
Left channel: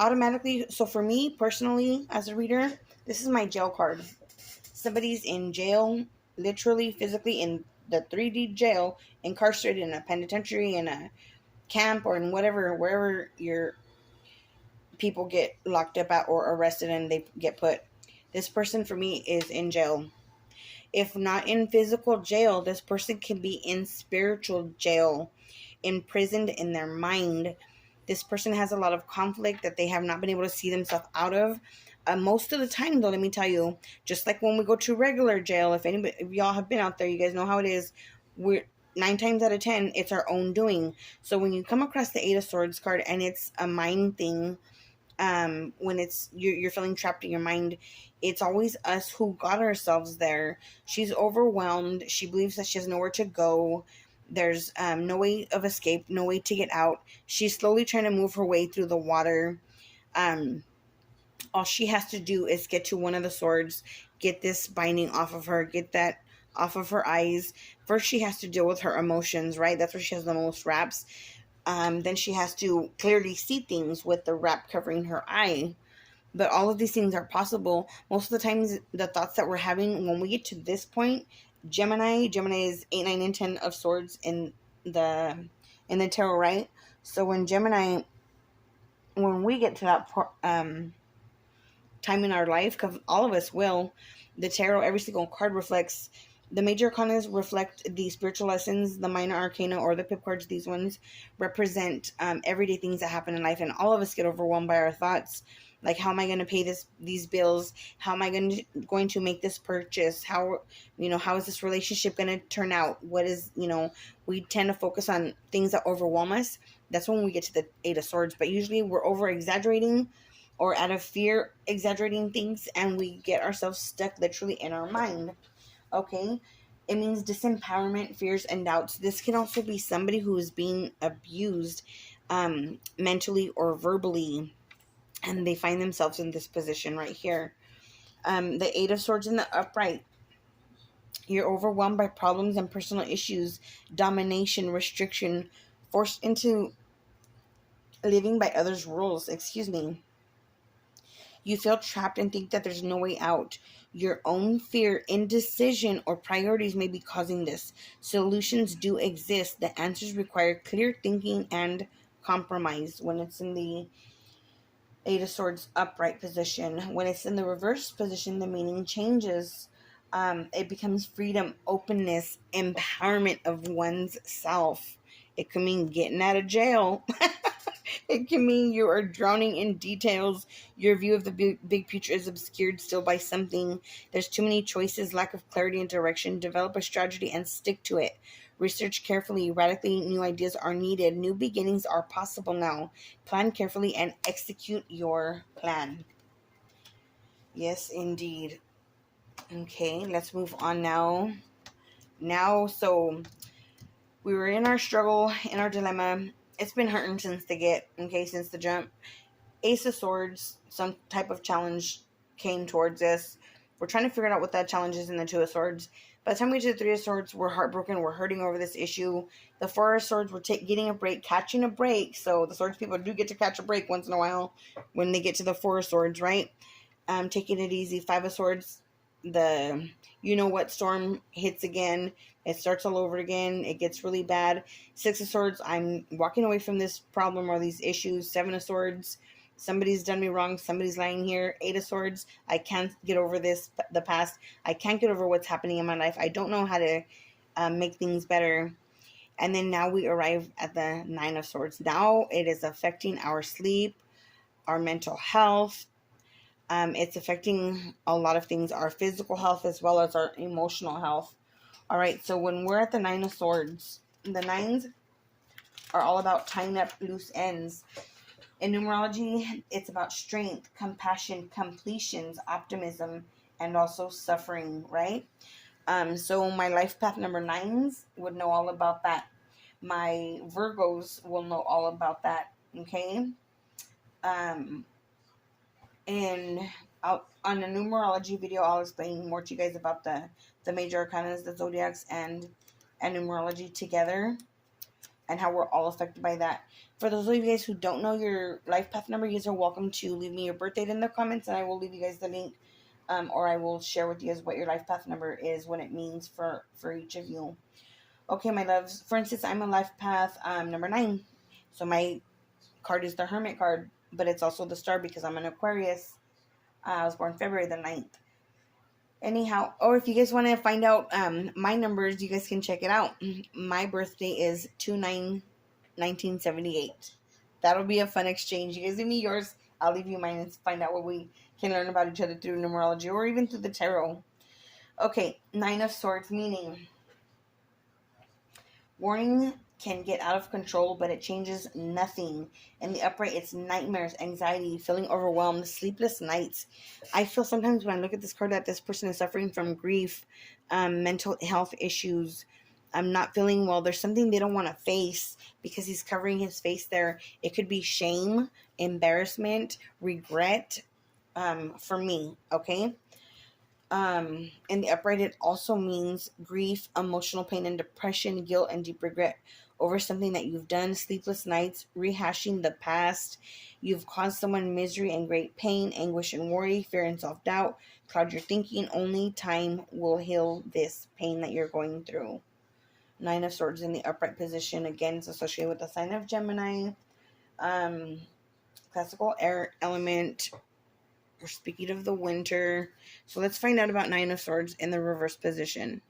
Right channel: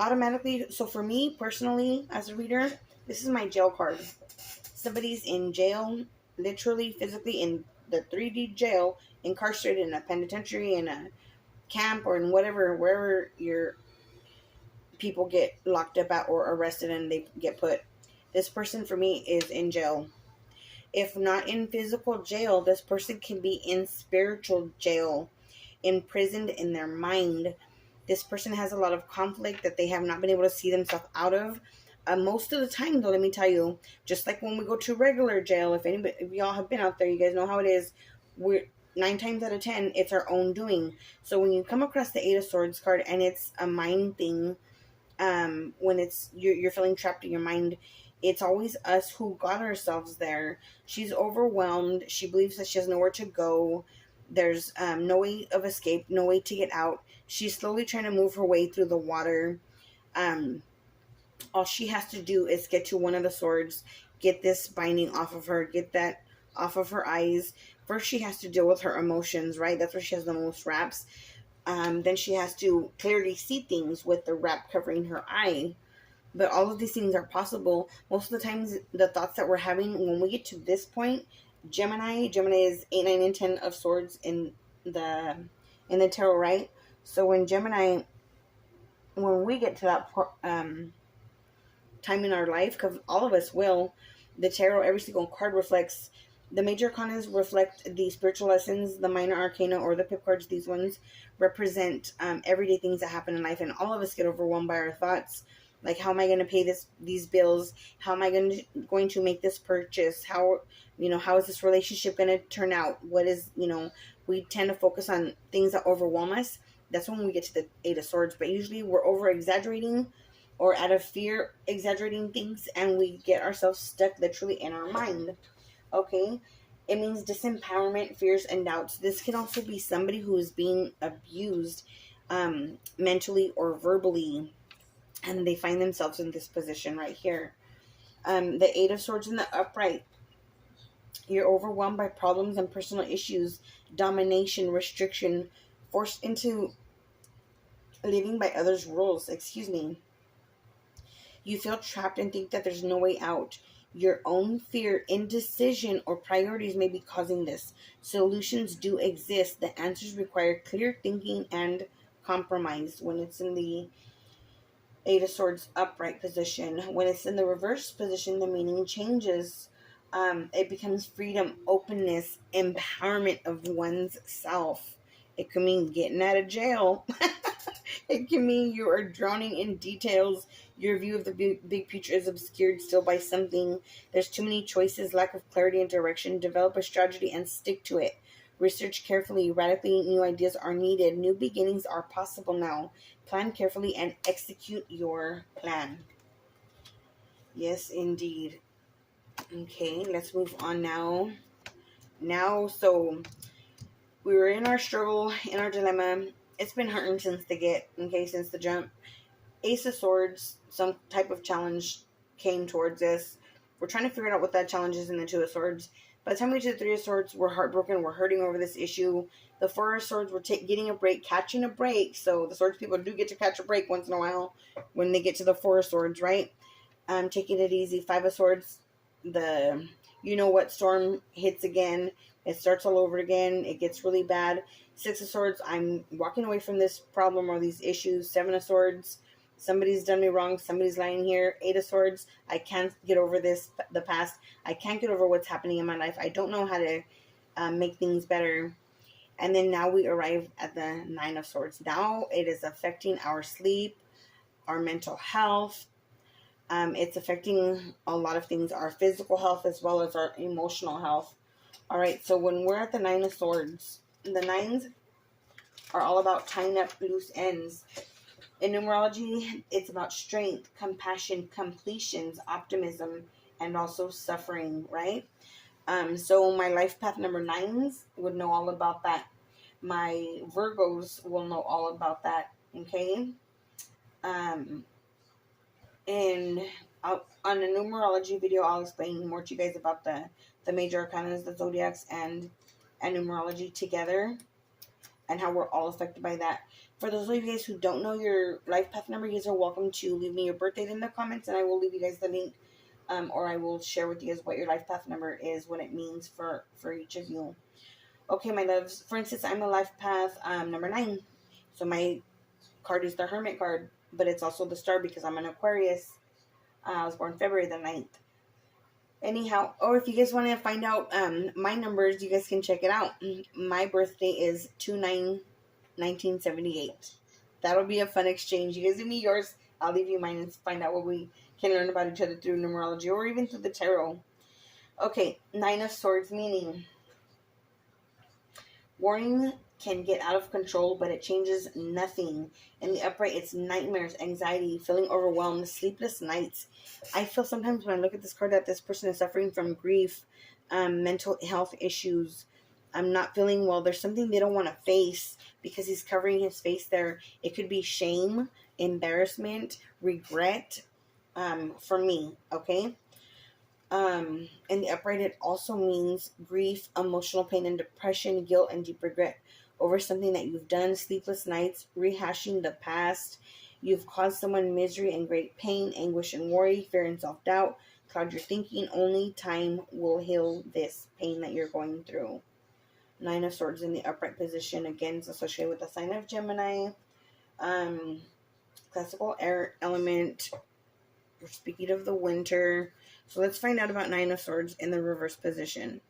automatically, so for me personally as a reader, this is my jail card. Somebody's in jail, literally, physically in the 3D jail, incarcerated in a penitentiary, in a camp, or in whatever, wherever your people get locked up at or arrested and they get put. This person for me is in jail. If not in physical jail, this person can be in spiritual jail, imprisoned in their mind. This person has a lot of conflict that they have not been able to see themselves out of. Most of the time, though, let me tell you, just like when we go to regular jail, if y'all have been out there, you guys know how it is. We're 9 times out of 10, it's our own doing. So when you come across the 8 of Swords card and it's a mind thing, when it's you're feeling trapped in your mind, it's always us who got ourselves there. She's overwhelmed. She believes that she has nowhere to go. There's no way of escape, no way to get out. She's slowly trying to move her way through the water. All she has to do is get to one of the swords, get this binding off of her, get that off of her eyes. First, she has to deal with her emotions, right? That's where she has the most wraps. Then she has to clearly see things with the wrap covering her eye. But all of these things are possible. Most of the times, the thoughts that we're having when we get to this point, Gemini is 8, 9, and 10 of Swords in the tarot, right? So when we get to that time in our life, because all of us will, the tarot, every single card reflects, the major arcanas reflect the spiritual lessons, the minor arcana or the pip cards, these ones represent everyday things that happen in life, and all of us get overwhelmed by our thoughts. Like, how am I going to pay these bills? How am I going to make this purchase? How is this relationship going to turn out? What is, we tend to focus on things that overwhelm us. That's when we get to the 8 of Swords. But usually we're over exaggerating, or out of fear exaggerating things, and we get ourselves stuck literally in our mind. Okay? It means disempowerment, fears, and doubts. This can also be somebody who is being abused mentally or verbally, and they find themselves in this position right here. The 8 of Swords in the upright. You're overwhelmed by problems and personal issues, domination, restriction, forced into living by others' rules. You feel trapped and think that there's no way out. Your own fear, indecision, or priorities may be causing this. Solutions do exist. The answers require clear thinking and compromise. When it's in the 8 of Swords upright position. When it's in the reverse position, the meaning changes. It becomes freedom, openness, empowerment of one's self. It could mean getting out of jail. It can mean you are drowning in details. Your view of the big picture is obscured still by something. There's too many choices, lack of clarity and direction. Develop a strategy and stick to it. Research carefully. Radically new ideas are needed. New beginnings are possible now. Plan carefully and execute your plan. Yes, indeed. Okay, let's move on now. So we were in our struggle, in our dilemma. It's been hurting since since the jump. Ace of Swords, some type of challenge came towards us. We're trying to figure out what that challenge is in the Two of Swords. By the time we get to the Three of Swords, we're heartbroken. We're hurting over this issue. The Four of Swords, we're getting a break, catching a break. So the Swords people do get to catch a break once in a while when they get to the Four of Swords, right? Taking it easy. Five of Swords, the you know what storm hits again. It starts all over again. It gets really bad. Six of Swords, I'm walking away from this problem or these issues. Seven of Swords, somebody's done me wrong. Somebody's lying here. Eight of Swords, I can't get over the past. I can't get over what's happening in my life. I don't know how to make things better. And then now we arrive at the Nine of Swords. Now it is affecting our sleep, our mental health. It's affecting a lot of things, our physical health as well as our emotional health. All right, so when we're at the Nine of Swords, the nines are all about tying up loose ends. In numerology, it's about strength, compassion, completions, optimism, and also suffering, right? So my life path number 9s would know all about that. My Virgos will know all about that, okay? And on a numerology video, I'll explain more to you guys about the major arcanas, the zodiacs, and numerology together, and how we're all affected by that. For those of you guys who don't know your life path number, you guys are welcome to leave me your birth date in the comments, and I will leave you guys the link, or I will share with you guys what your life path number is, what it means for each of you. Okay, my loves. For instance, I'm a life path number 9, so my card is the Hermit card, but it's also the star because I'm an Aquarius. I was born February the 9th. Anyhow, or if you guys want to find out my numbers, you guys can check it out. My birthday is 2/9/1978. That'll be a fun exchange. You guys give me yours, I'll leave you mine, and find out what we can learn about each other through numerology or even through the tarot. Okay, Nine of Swords, meaning warning can get out of control, but it changes nothing. In the upright, it's nightmares, anxiety, feeling overwhelmed, sleepless nights. I feel sometimes when I look at this card that this person is suffering from grief, mental health issues. I'm not feeling well. There's something they don't want to face because he's covering his face there. It could be shame, embarrassment, regret, for me, okay? In the upright, it also means grief, emotional pain and depression, guilt and deep regret over something that you've done, sleepless nights, rehashing the past. You've caused someone misery and great pain, anguish and worry, fear and self-doubt. Cloud your thinking. Only time will heal this pain that you're going through. Nine of Swords in the upright position. Again, it's associated with the sign of Gemini. Classical air element. We're speaking of the winter. So let's find out about Nine of Swords in the reverse position.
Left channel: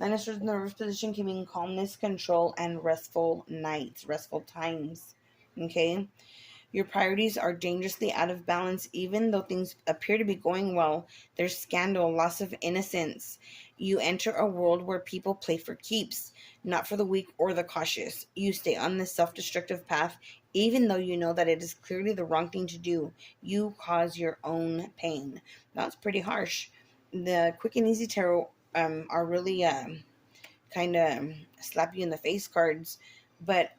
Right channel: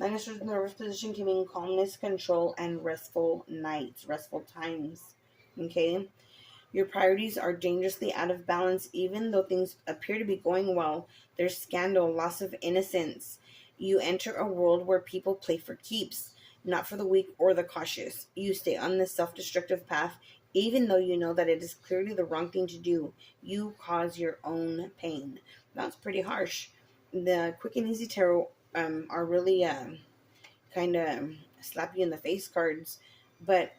Nine of Swords in the reverse position can mean calmness, control, and restful nights, restful times. Okay? Your priorities are dangerously out of balance, even though things appear to be going well. There's scandal, loss of innocence. You enter a world where people play for keeps, not for the weak or the cautious. You stay on this self-destructive path, even though you know that it is clearly the wrong thing to do. You cause your own pain. That's pretty harsh. The Quick and Easy Tarot are really kind of slap you in the face cards. But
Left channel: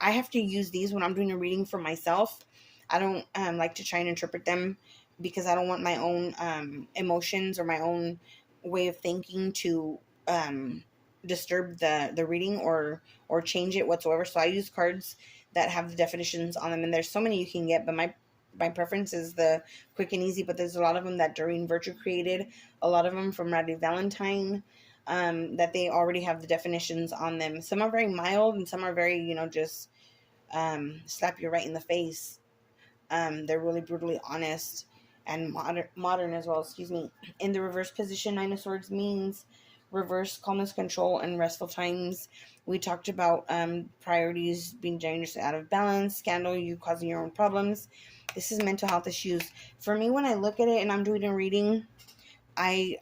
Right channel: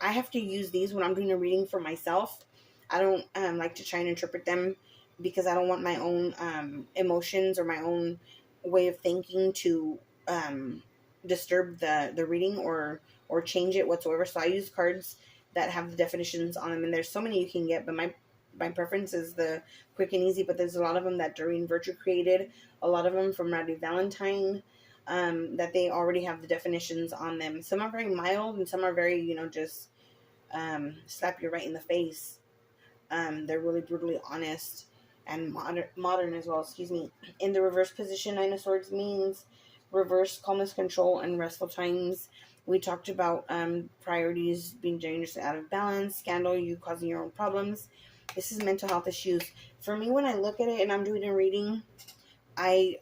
I have to use these when I'm doing a reading for myself. I don't like to try and interpret them because I don't want my own emotions or my own way of thinking to disturb the reading or change it whatsoever. So I use cards that have the definitions on them, and there's so many you can get, but my preference is the Quick and Easy. But there's a lot of them that Doreen Virtue created, a lot of them from Radley Valentine, that they already have the definitions on them. Some are very mild and some are very, just slap you right in the face. They're really brutally honest and modern as well, excuse me. In the reverse position, Nine of Swords means reverse calmness, control, and restful times. We talked about priorities being dangerously out of balance, scandal, you causing your own problems. This is mental health issues. For me, when I look at it and I'm doing a reading, I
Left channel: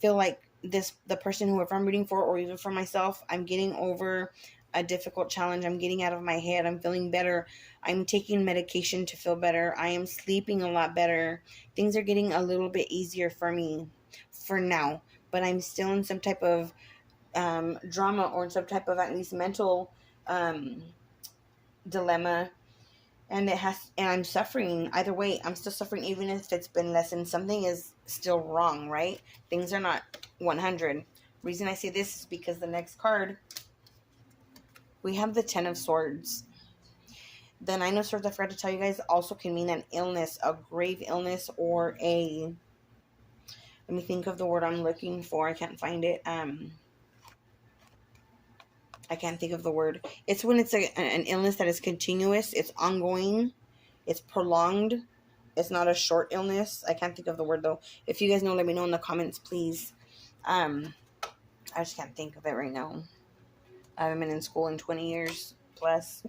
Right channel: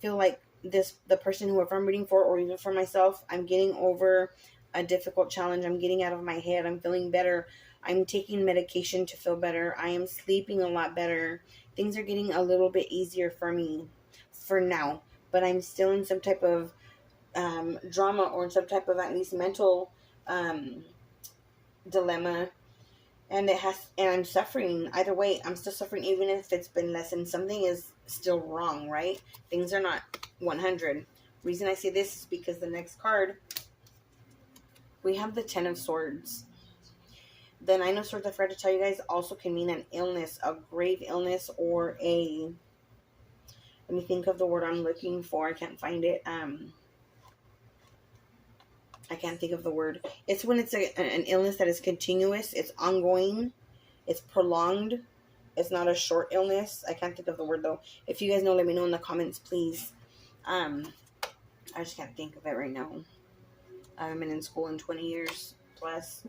feel like the person whoever I'm reading for, or even for myself, I'm getting over a difficult challenge. I'm getting out of my head. I'm feeling better. I'm taking medication to feel better. I am sleeping a lot better. Things are getting a little bit easier for me for now, but I'm still in some type of drama, or in some type of at least mental dilemma, and I'm suffering either way. I'm still suffering, even if it's been lessened. Something is still wrong, right? Things are not 100. Reason I say this is because the next card, we have the Ten of Swords. The Nine of Swords, I forgot to tell you guys, also can mean an illness, a grave illness, or a, let me think of the word I'm looking for. I can't find it. I can't think of the word. It's when it's an illness that is continuous. It's ongoing. It's prolonged. It's not a short illness. I can't think of the word, though. If you guys know, let me know in the comments, please. I just can't think of it right now. I haven't been in school in 20 years plus.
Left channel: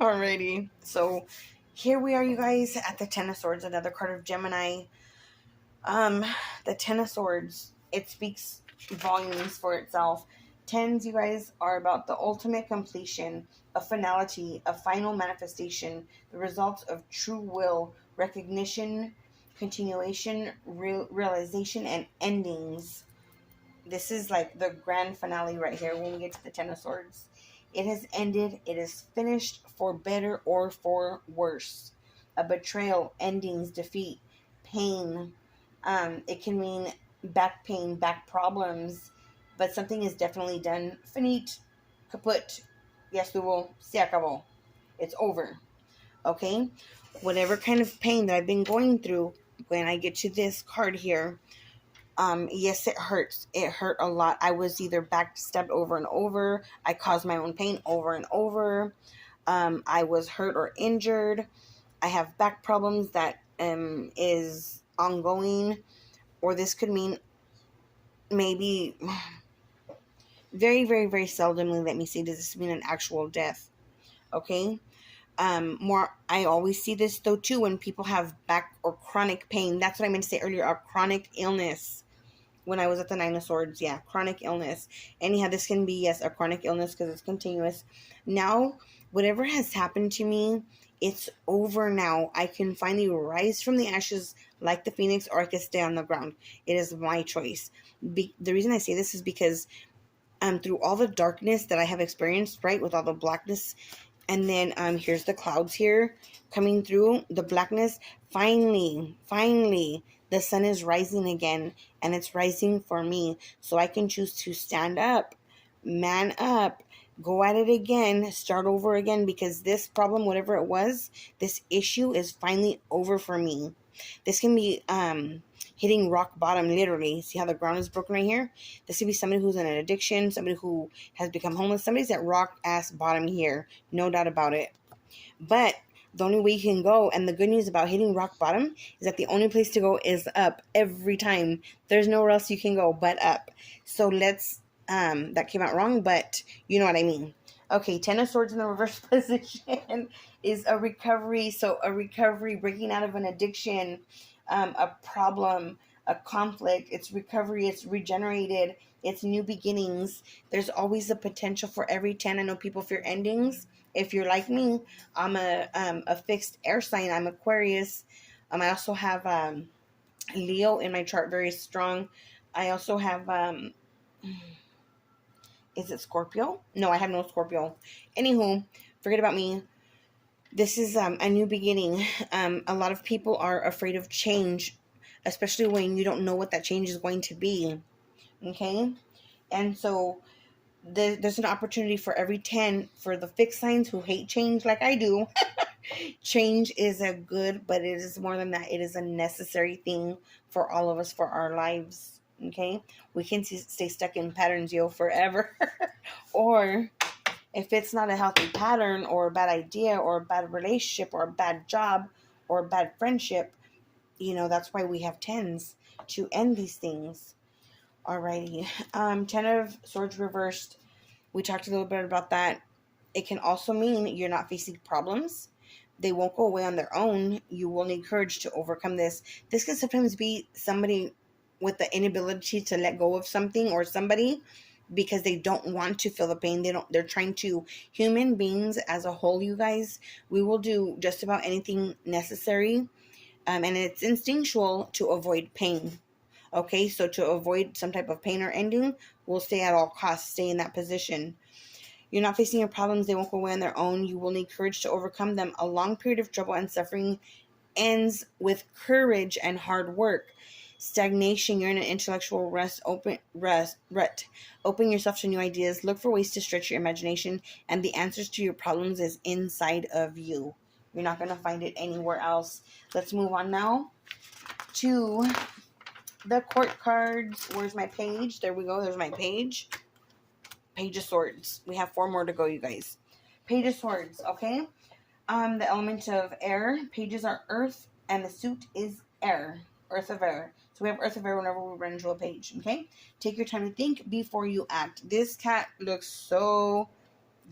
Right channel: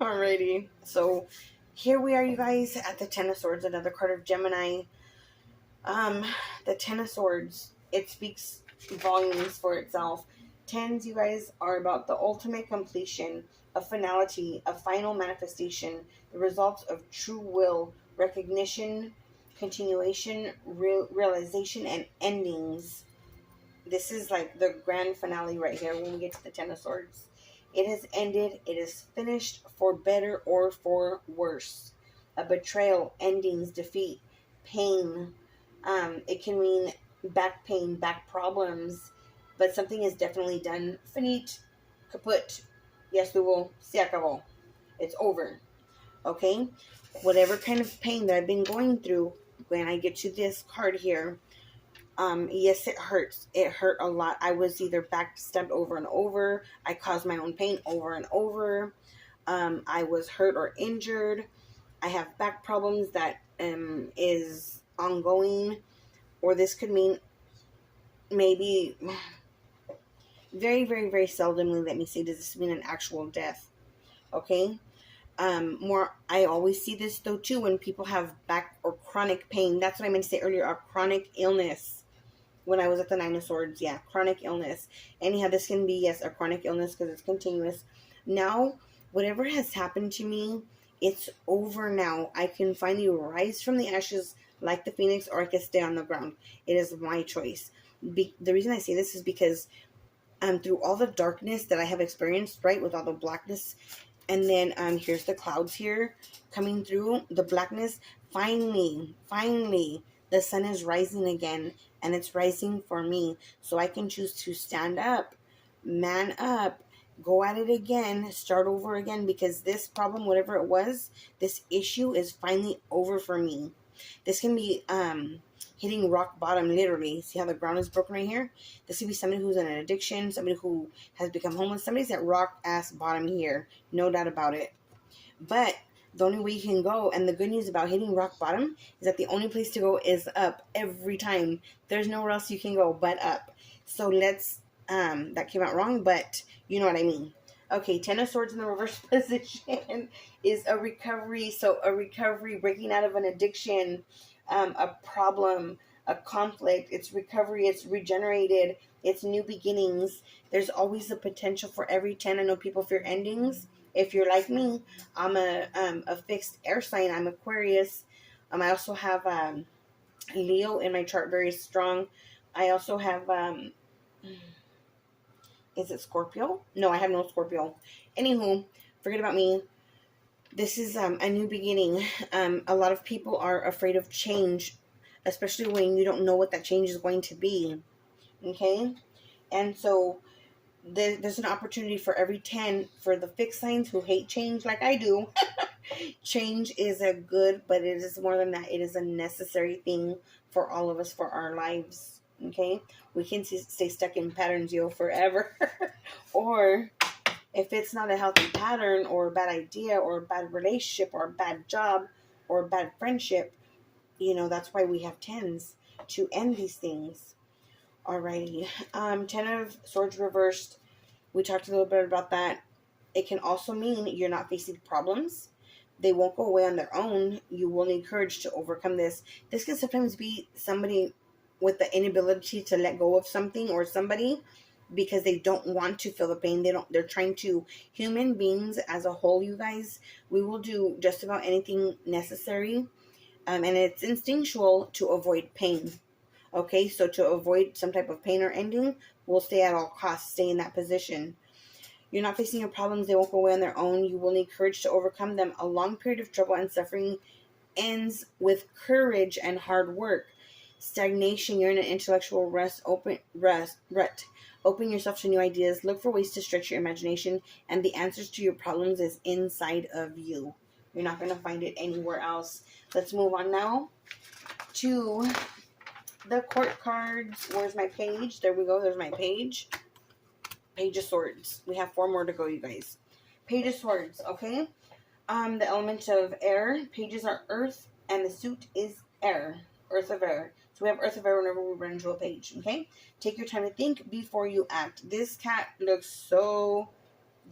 Alrighty. So, here we are, you guys, at the Ten of Swords. Another card of Gemini. The Ten of Swords. It speaks volumes for itself. Tens, you guys, are about the ultimate completion, a finality, a final manifestation, the results of true will, recognition, continuation, realization, and endings. This is like the grand finale right here when we get to the Ten of Swords. It has ended. It is finished, for better or for worse. A betrayal, endings, defeat, pain. It can mean back pain, back problems, but something is definitely done. Finite, kaput, ya estuvo, se acabó. It's over. Okay? Whatever kind of pain that I've been going through, when I get to this card here, yes, it hurts. It hurt a lot. I was either backstabbed over and over. I caused my own pain over and over. I was hurt or injured. I have back problems that is ongoing. Or this could mean maybe... Very, very, very seldomly, let me say, does this mean an actual death? Okay? I always see this, though, too, when people have back or chronic pain. That's what I meant to say earlier, a chronic illness. When I was at the Nine of Swords, yeah, chronic illness. Anyhow, this can be, yes, a chronic illness because it's continuous. Now, whatever has happened to me, it's over now. I can finally rise from the ashes like the phoenix, or I can stay on the ground. It is my choice. The reason I say this is because through all the darkness that I have experienced, right, with all the blackness, and then here's the clouds here coming through, the blackness, finally, the sun is rising again, and it's rising for me, so I can choose to stand up, man up, go at it again, start over again, because this problem, whatever it was, this issue is finally over for me. This can be hitting rock bottom, literally. See how the ground is broken right here? This could be somebody who's in an addiction, somebody who has become homeless. Somebody's at rock ass bottom here, no doubt about it. But the only way you can go, and the good news about hitting rock bottom, is that the only place to go is up every time. There's nowhere else you can go but up. So let's, that came out wrong, but you know what I mean. Okay, Ten of Swords in the reverse position is a recovery. So a recovery, breaking out of an addiction, a problem, a conflict. It's recovery. It's regenerated. It's new beginnings. There's always a potential for every 10. I know people fear endings. If you're like me, I'm a fixed air sign. I'm Aquarius. I also have Leo in my chart, very strong. I also have... is it Scorpio? No, I have no Scorpio. Anywho, forget about me. This is a new beginning. A lot of people are afraid of change, especially when you don't know what that change is going to be. Okay? And so there's an opportunity for every 10 for the fixed signs who hate change like I do. Change is a good, but it is more than that. It is a necessary thing for all of us, for our lives. Okay? We can stay stuck in patterns, forever. Or if it's not a healthy pattern, or a bad idea, or a bad relationship, or a bad job, or a bad friendship, that's why we have 10s, to end these things. Alrighty. 10 of Swords reversed. We talked a little bit about that. It can also mean you're not facing problems. They won't go away on their own. You will need courage to overcome this. This can sometimes be somebody with the inability to let go of something or somebody because they don't want to feel the pain. They're trying to. Human beings as a whole, you guys, we will do just about anything necessary. And it's instinctual to avoid pain. Okay, so to avoid some type of pain or ending, we'll stay at all costs, stay in that position. You're not facing your problems. They won't go away on their own. You will need courage to overcome them. A long period of trouble and suffering ends with courage and hard work. Stagnation, you're in an intellectual rut. Open yourself to new ideas. Look for ways to stretch your imagination. And the answers to your problems is inside of you. You're not going to find it anywhere else. Let's move on now to the court cards. Where's my page? There we go. There's my page. Page of Swords. We have 4 more to go, you guys. Page of Swords, okay? The element of air. Pages are earth, and the suit is air. Earth of air. So we have earth of air whenever we run into a page, okay? Take your time to think before you act. This cat looks so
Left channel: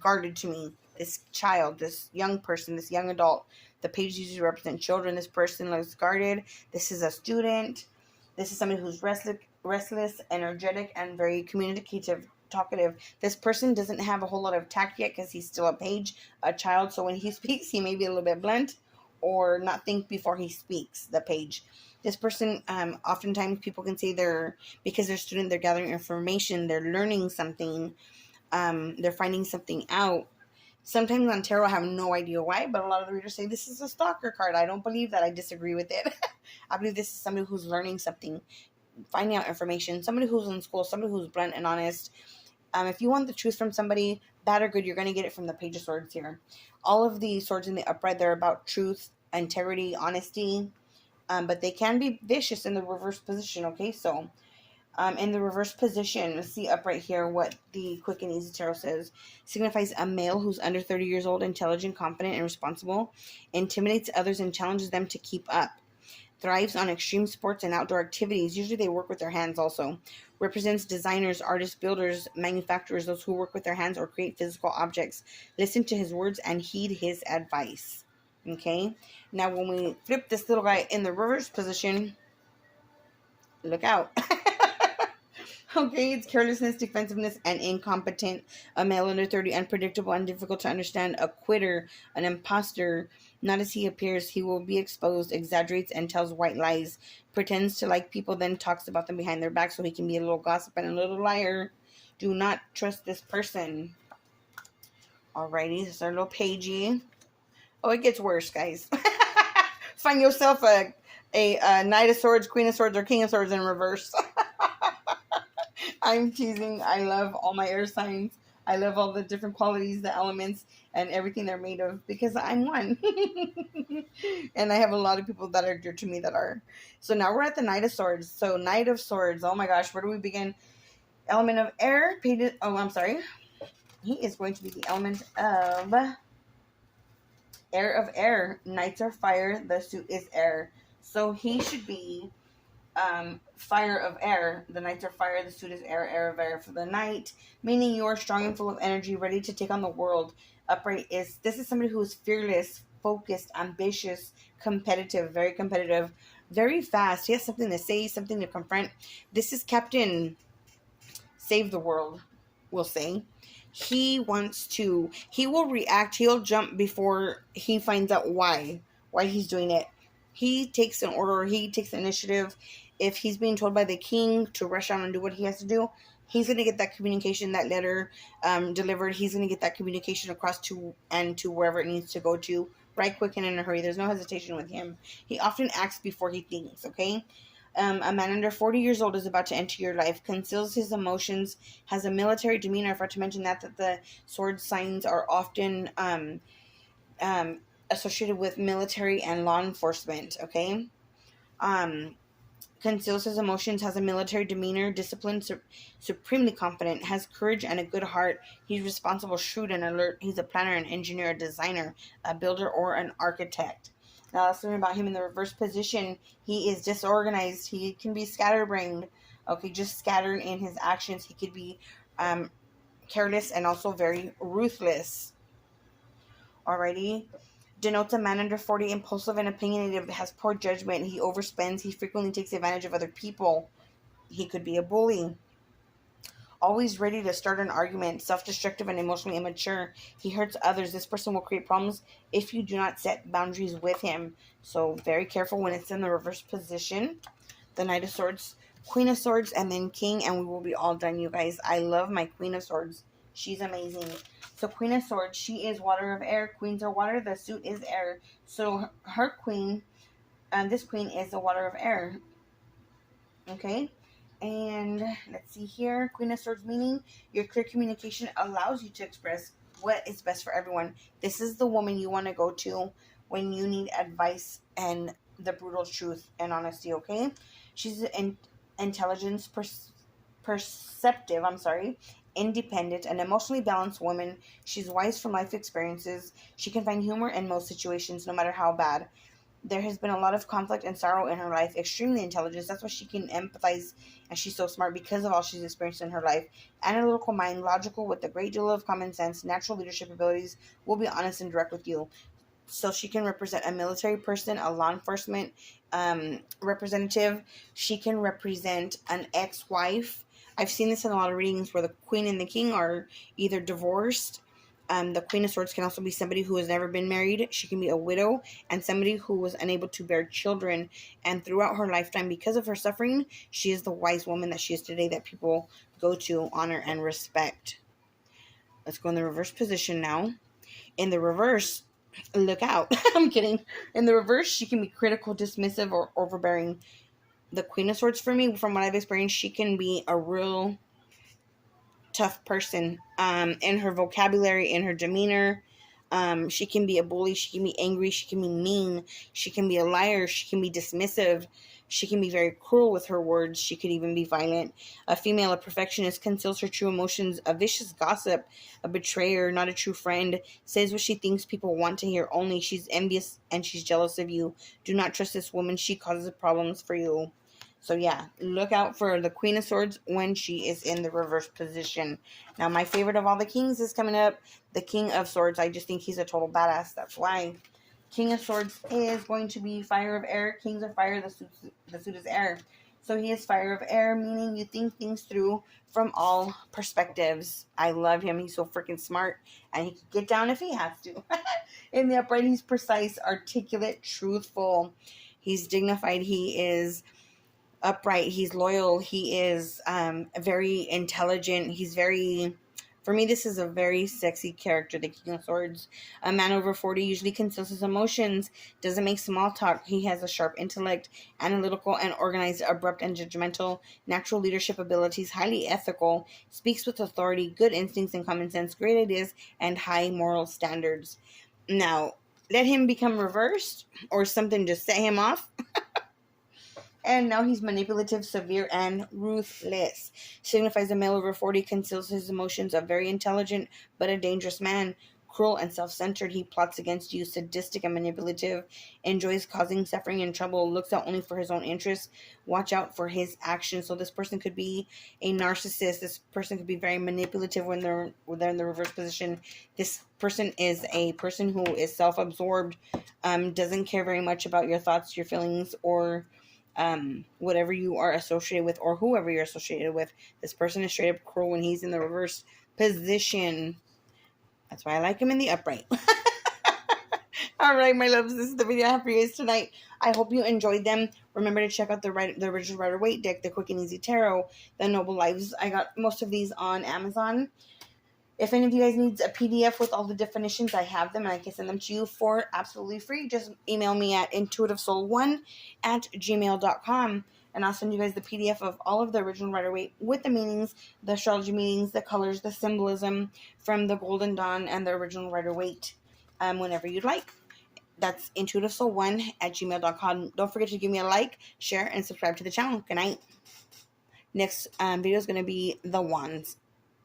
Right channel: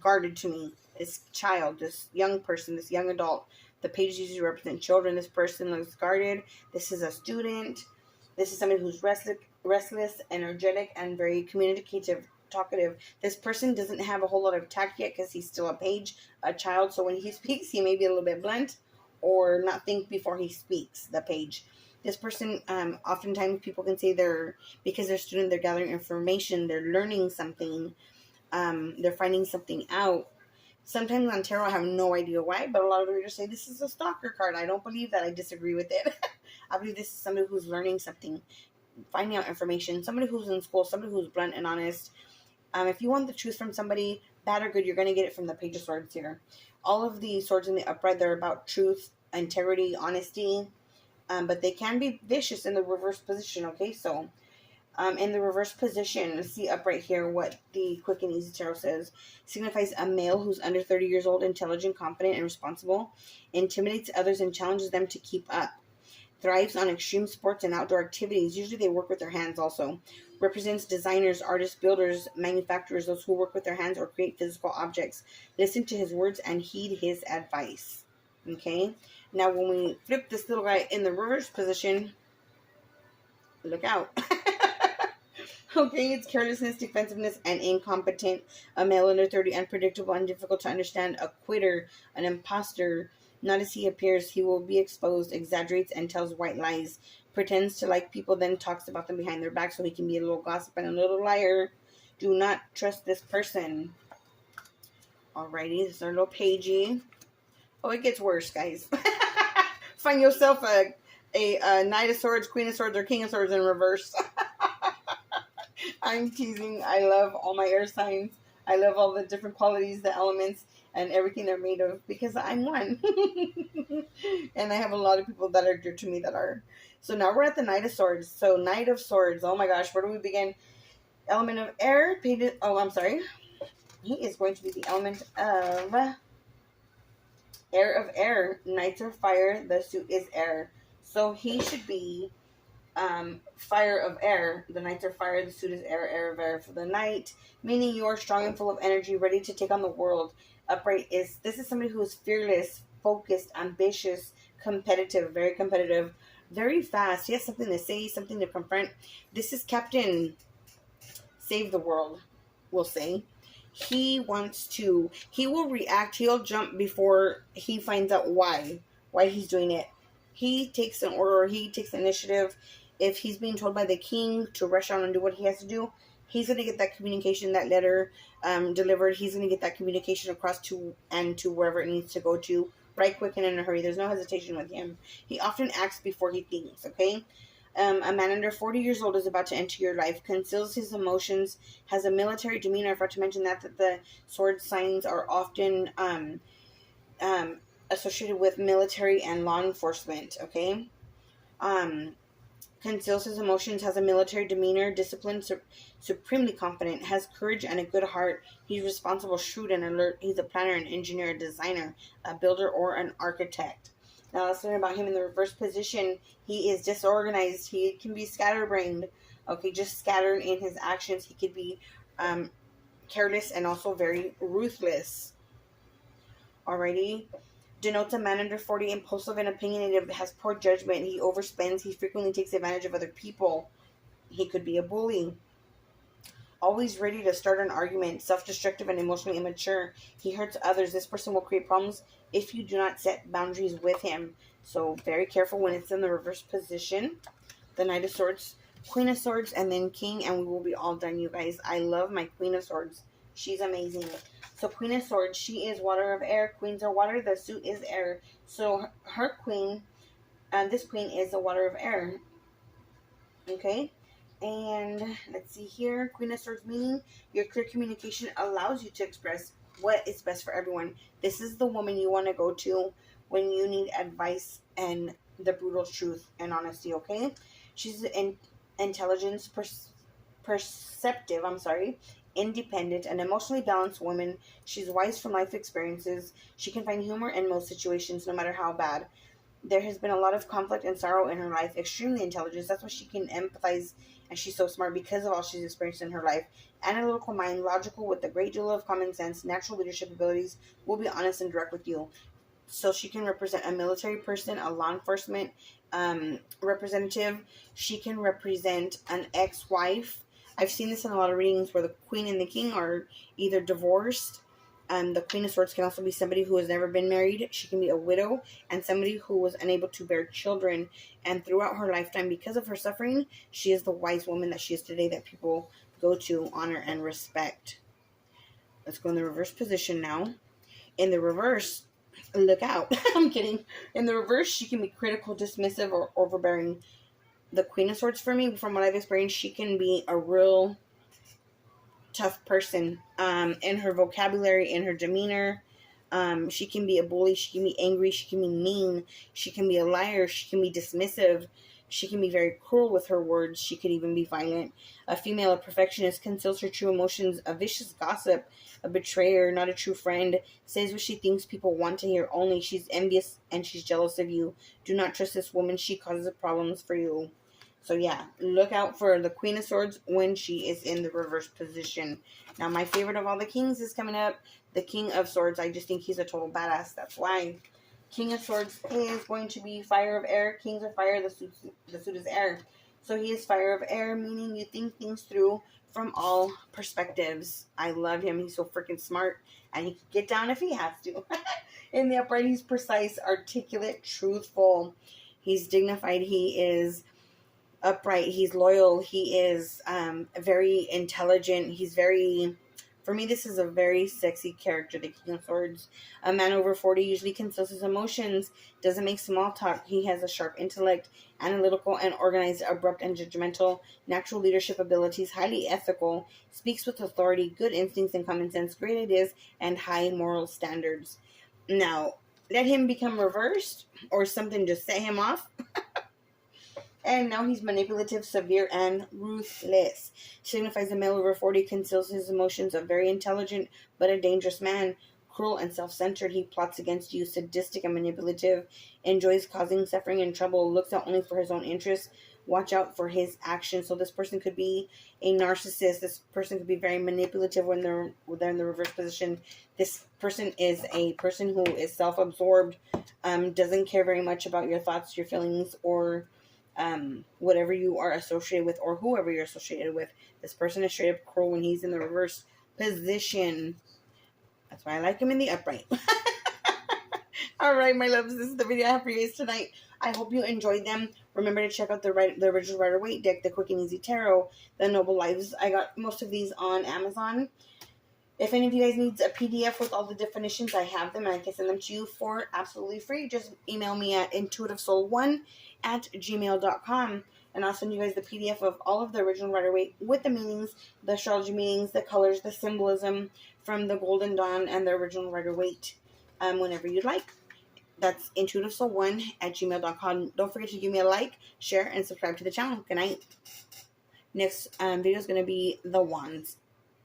guarded to me. This child, this young person, this young adult. The pages usually represent children. This person looks guarded. This is a student. This is somebody who's restless, energetic, and very communicative, talkative. This person doesn't have a whole lot of tact yet because he's still a child. So when he speaks, he may be a little bit blunt or not think before he speaks, the page. This person, oftentimes people can say because they're a student, they're gathering information, they're learning something, they're finding something out. Sometimes on tarot, I have no idea why, but a lot of the readers say this is a stalker card. I don't believe that. I disagree with it. I believe this is somebody who's learning something, finding out information, somebody who's in school, somebody who's blunt and honest. If you want the truth from somebody, bad or good, you're going to get it from the Page of Swords here. All of the swords in the upright, they're about truth, integrity, honesty, but they can be vicious in the reverse position, okay? So, in the reverse position, let's see upright here what the Quick and Easy Tarot says. Signifies a male who's under 30 years old, intelligent, confident, and responsible. Intimidates others and challenges them to keep up. Thrives on extreme sports and outdoor activities. Usually they work with their hands also. Represents designers, artists, builders, manufacturers, those who work with their hands or create physical objects. Listen to his words and heed his advice. Okay? Now when we flip this little guy in the reverse position, look out. Okay, it's carelessness, defensiveness, and incompetent. A male under 30, unpredictable and difficult to understand. A quitter, an imposter. Not as he appears, he will be exposed, exaggerates, and tells white lies. Pretends to like people, then talks about them behind their back so he can be a little gossip and a little liar. Do not trust this person. Alrighty, this is our little pagey. Oh, it gets worse, guys. Find yourself a Knight of Swords, Queen of Swords, or King of Swords in reverse. I'm teasing. I love all my air signs. I love all the different qualities, the elements, and everything they're made of because I'm one. And I have a lot of people that are dear to me that are. So now we're at the Knight of Swords. So Knight of Swords. Oh my gosh, where do we begin? Element of air. I'm sorry. He is going to be the element of air. Knights are fire. The suit is air. So he should be fire of air. The knights are fire. The suit is air of air for the knight. Meaning you are strong and full of energy, ready to take on the world. Upright this is somebody who is fearless, focused, ambitious, competitive, very fast. He has something to say, something to confront. This is Captain Save the World, we'll say. He will react, he'll jump before he finds out why he's doing it. He takes an order, he takes initiative. If he's being told by the king to rush on and do what he has to do, he's going to get that communication, that letter delivered. He's going to get that communication across to wherever it needs to go to, right quick and in a hurry. There's no hesitation with him. He often acts before he thinks, okay? A man under 40 years old is about to enter your life, conceals his emotions, has a military demeanor. I forgot to mention that the sword signs are often associated with military and law enforcement, okay? Conceals his emotions, has a military demeanor, disciplined, supremely confident, has courage and a good heart. He's responsible, shrewd, and alert. He's a planner, an engineer, a designer, a builder, or an architect. Now let's learn about him in the reverse position. He is disorganized. He can be scatterbrained. Okay, just scattered in his actions. He could be careless and also very ruthless. Alrighty. Denotes a man under 40, impulsive and opinionated, has poor judgment. He overspends. He frequently takes advantage of other people. He could be a bully. Always ready to start an argument, self-destructive and emotionally immature. He hurts others. This person will create problems if you do not set boundaries with him. So very careful when it's in the reverse position. The Knight of Swords, Queen of Swords, and then King, and we will be all done, you guys. I love my Queen of Swords. She's amazing. So Queen of Swords, she is water of air. Queens are water. The suit is air. So her queen, this queen is the water of air. Okay? And let's see here. Queen of Swords meaning your clear communication allows you to express what is best for everyone. This is the woman you want to go to when you need advice and the brutal truth and honesty, okay? She's an intelligence, perceptive, independent, and emotionally balanced woman. She's wise from life experiences. She can find humor in most situations, no matter how bad. There has been a lot of conflict and sorrow in her life. Extremely intelligent. That's why she can empathize, and she's so smart because of all she's experienced in her life. Analytical mind, logical with a great deal of common sense, natural leadership abilities, will be honest and direct with you. So she can represent a military person, a law enforcement representative. She can represent an ex-wife. I've seen this in a lot of readings where the Queen and the King are either divorced. The Queen of Swords can also be somebody who has never been married. She can be a widow and somebody who was unable to bear children. And throughout her lifetime, because of her suffering, she is the wise woman that she is today that people go to, honor, and respect. Let's go in the reverse position now. In the reverse, look out. I'm kidding. In the reverse, she can be critical, dismissive, or overbearing. The Queen of Swords, for me, from what I've experienced, she can be a real tough person in her vocabulary, in her demeanor. She can be a bully. She can be angry. She can be mean. She can be a liar. She can be dismissive. She can be very cruel with her words. She could even be violent. A female, a perfectionist, conceals her true emotions, a vicious gossip, a betrayer, not a true friend, says what she thinks people want to hear only. She's envious and she's jealous of you. Do not trust this woman. She causes problems for you. So yeah, look out for the Queen of Swords when she is in the reverse position. Now, my favorite of all the kings is coming up, the King of Swords. I just think he's a total badass. That's why. King of Swords is going to be fire of air. Kings are fire. The suit is air. So he is fire of air, meaning you think things through from all perspectives. I love him. He's so freaking smart, and he can get down if he has to. In the upright, he's precise, articulate, truthful. He's dignified. He is upright. He's loyal. He is very intelligent. He's very, for me, this is a very sexy character, the King of Swords. A man over 40 usually conceals his emotions, doesn't make small talk. He has a sharp intellect, analytical and organized, abrupt and judgmental, natural leadership abilities, highly ethical, speaks with authority, good instincts and common sense, great ideas, and high moral standards. Now, let him become reversed or something to set him off. And now he's manipulative, severe, and ruthless. Signifies a male over 40, conceals his emotions, a very intelligent but a dangerous man. Cruel and self-centered, he plots against you, sadistic and manipulative, enjoys causing suffering and trouble, looks out only for his own interests. Watch out for his actions. So this person could be a narcissist. This person could be very manipulative when they're in the reverse position. This person is a person who is self-absorbed, doesn't care very much about your thoughts, your feelings, or whatever you are associated with or whoever you're associated with. This person is straight up cruel when he's in the reverse position. That's why I like him in the upright. Alright, my loves, this is the video I have for you guys tonight. I hope you enjoyed them. Remember to check out the original Rider-Waite deck, the Quick and Easy Tarot, the Noble Lives. I got most of these on Amazon. If any of you guys needs a PDF with all the definitions, I have them and I can send them to you for absolutely free. Just email me at intuitivesoul1@gmail.com and I'll send you guys the PDF of all of the original Rider-Waite with the meanings, the astrology meanings, the colors, the symbolism from the Golden Dawn and the original Rider-Waite whenever you'd like. That's intuitivesoul1@gmail.com. Don't forget to give me a like, share, and subscribe to the channel. Good night. Next video is going to be the Wands.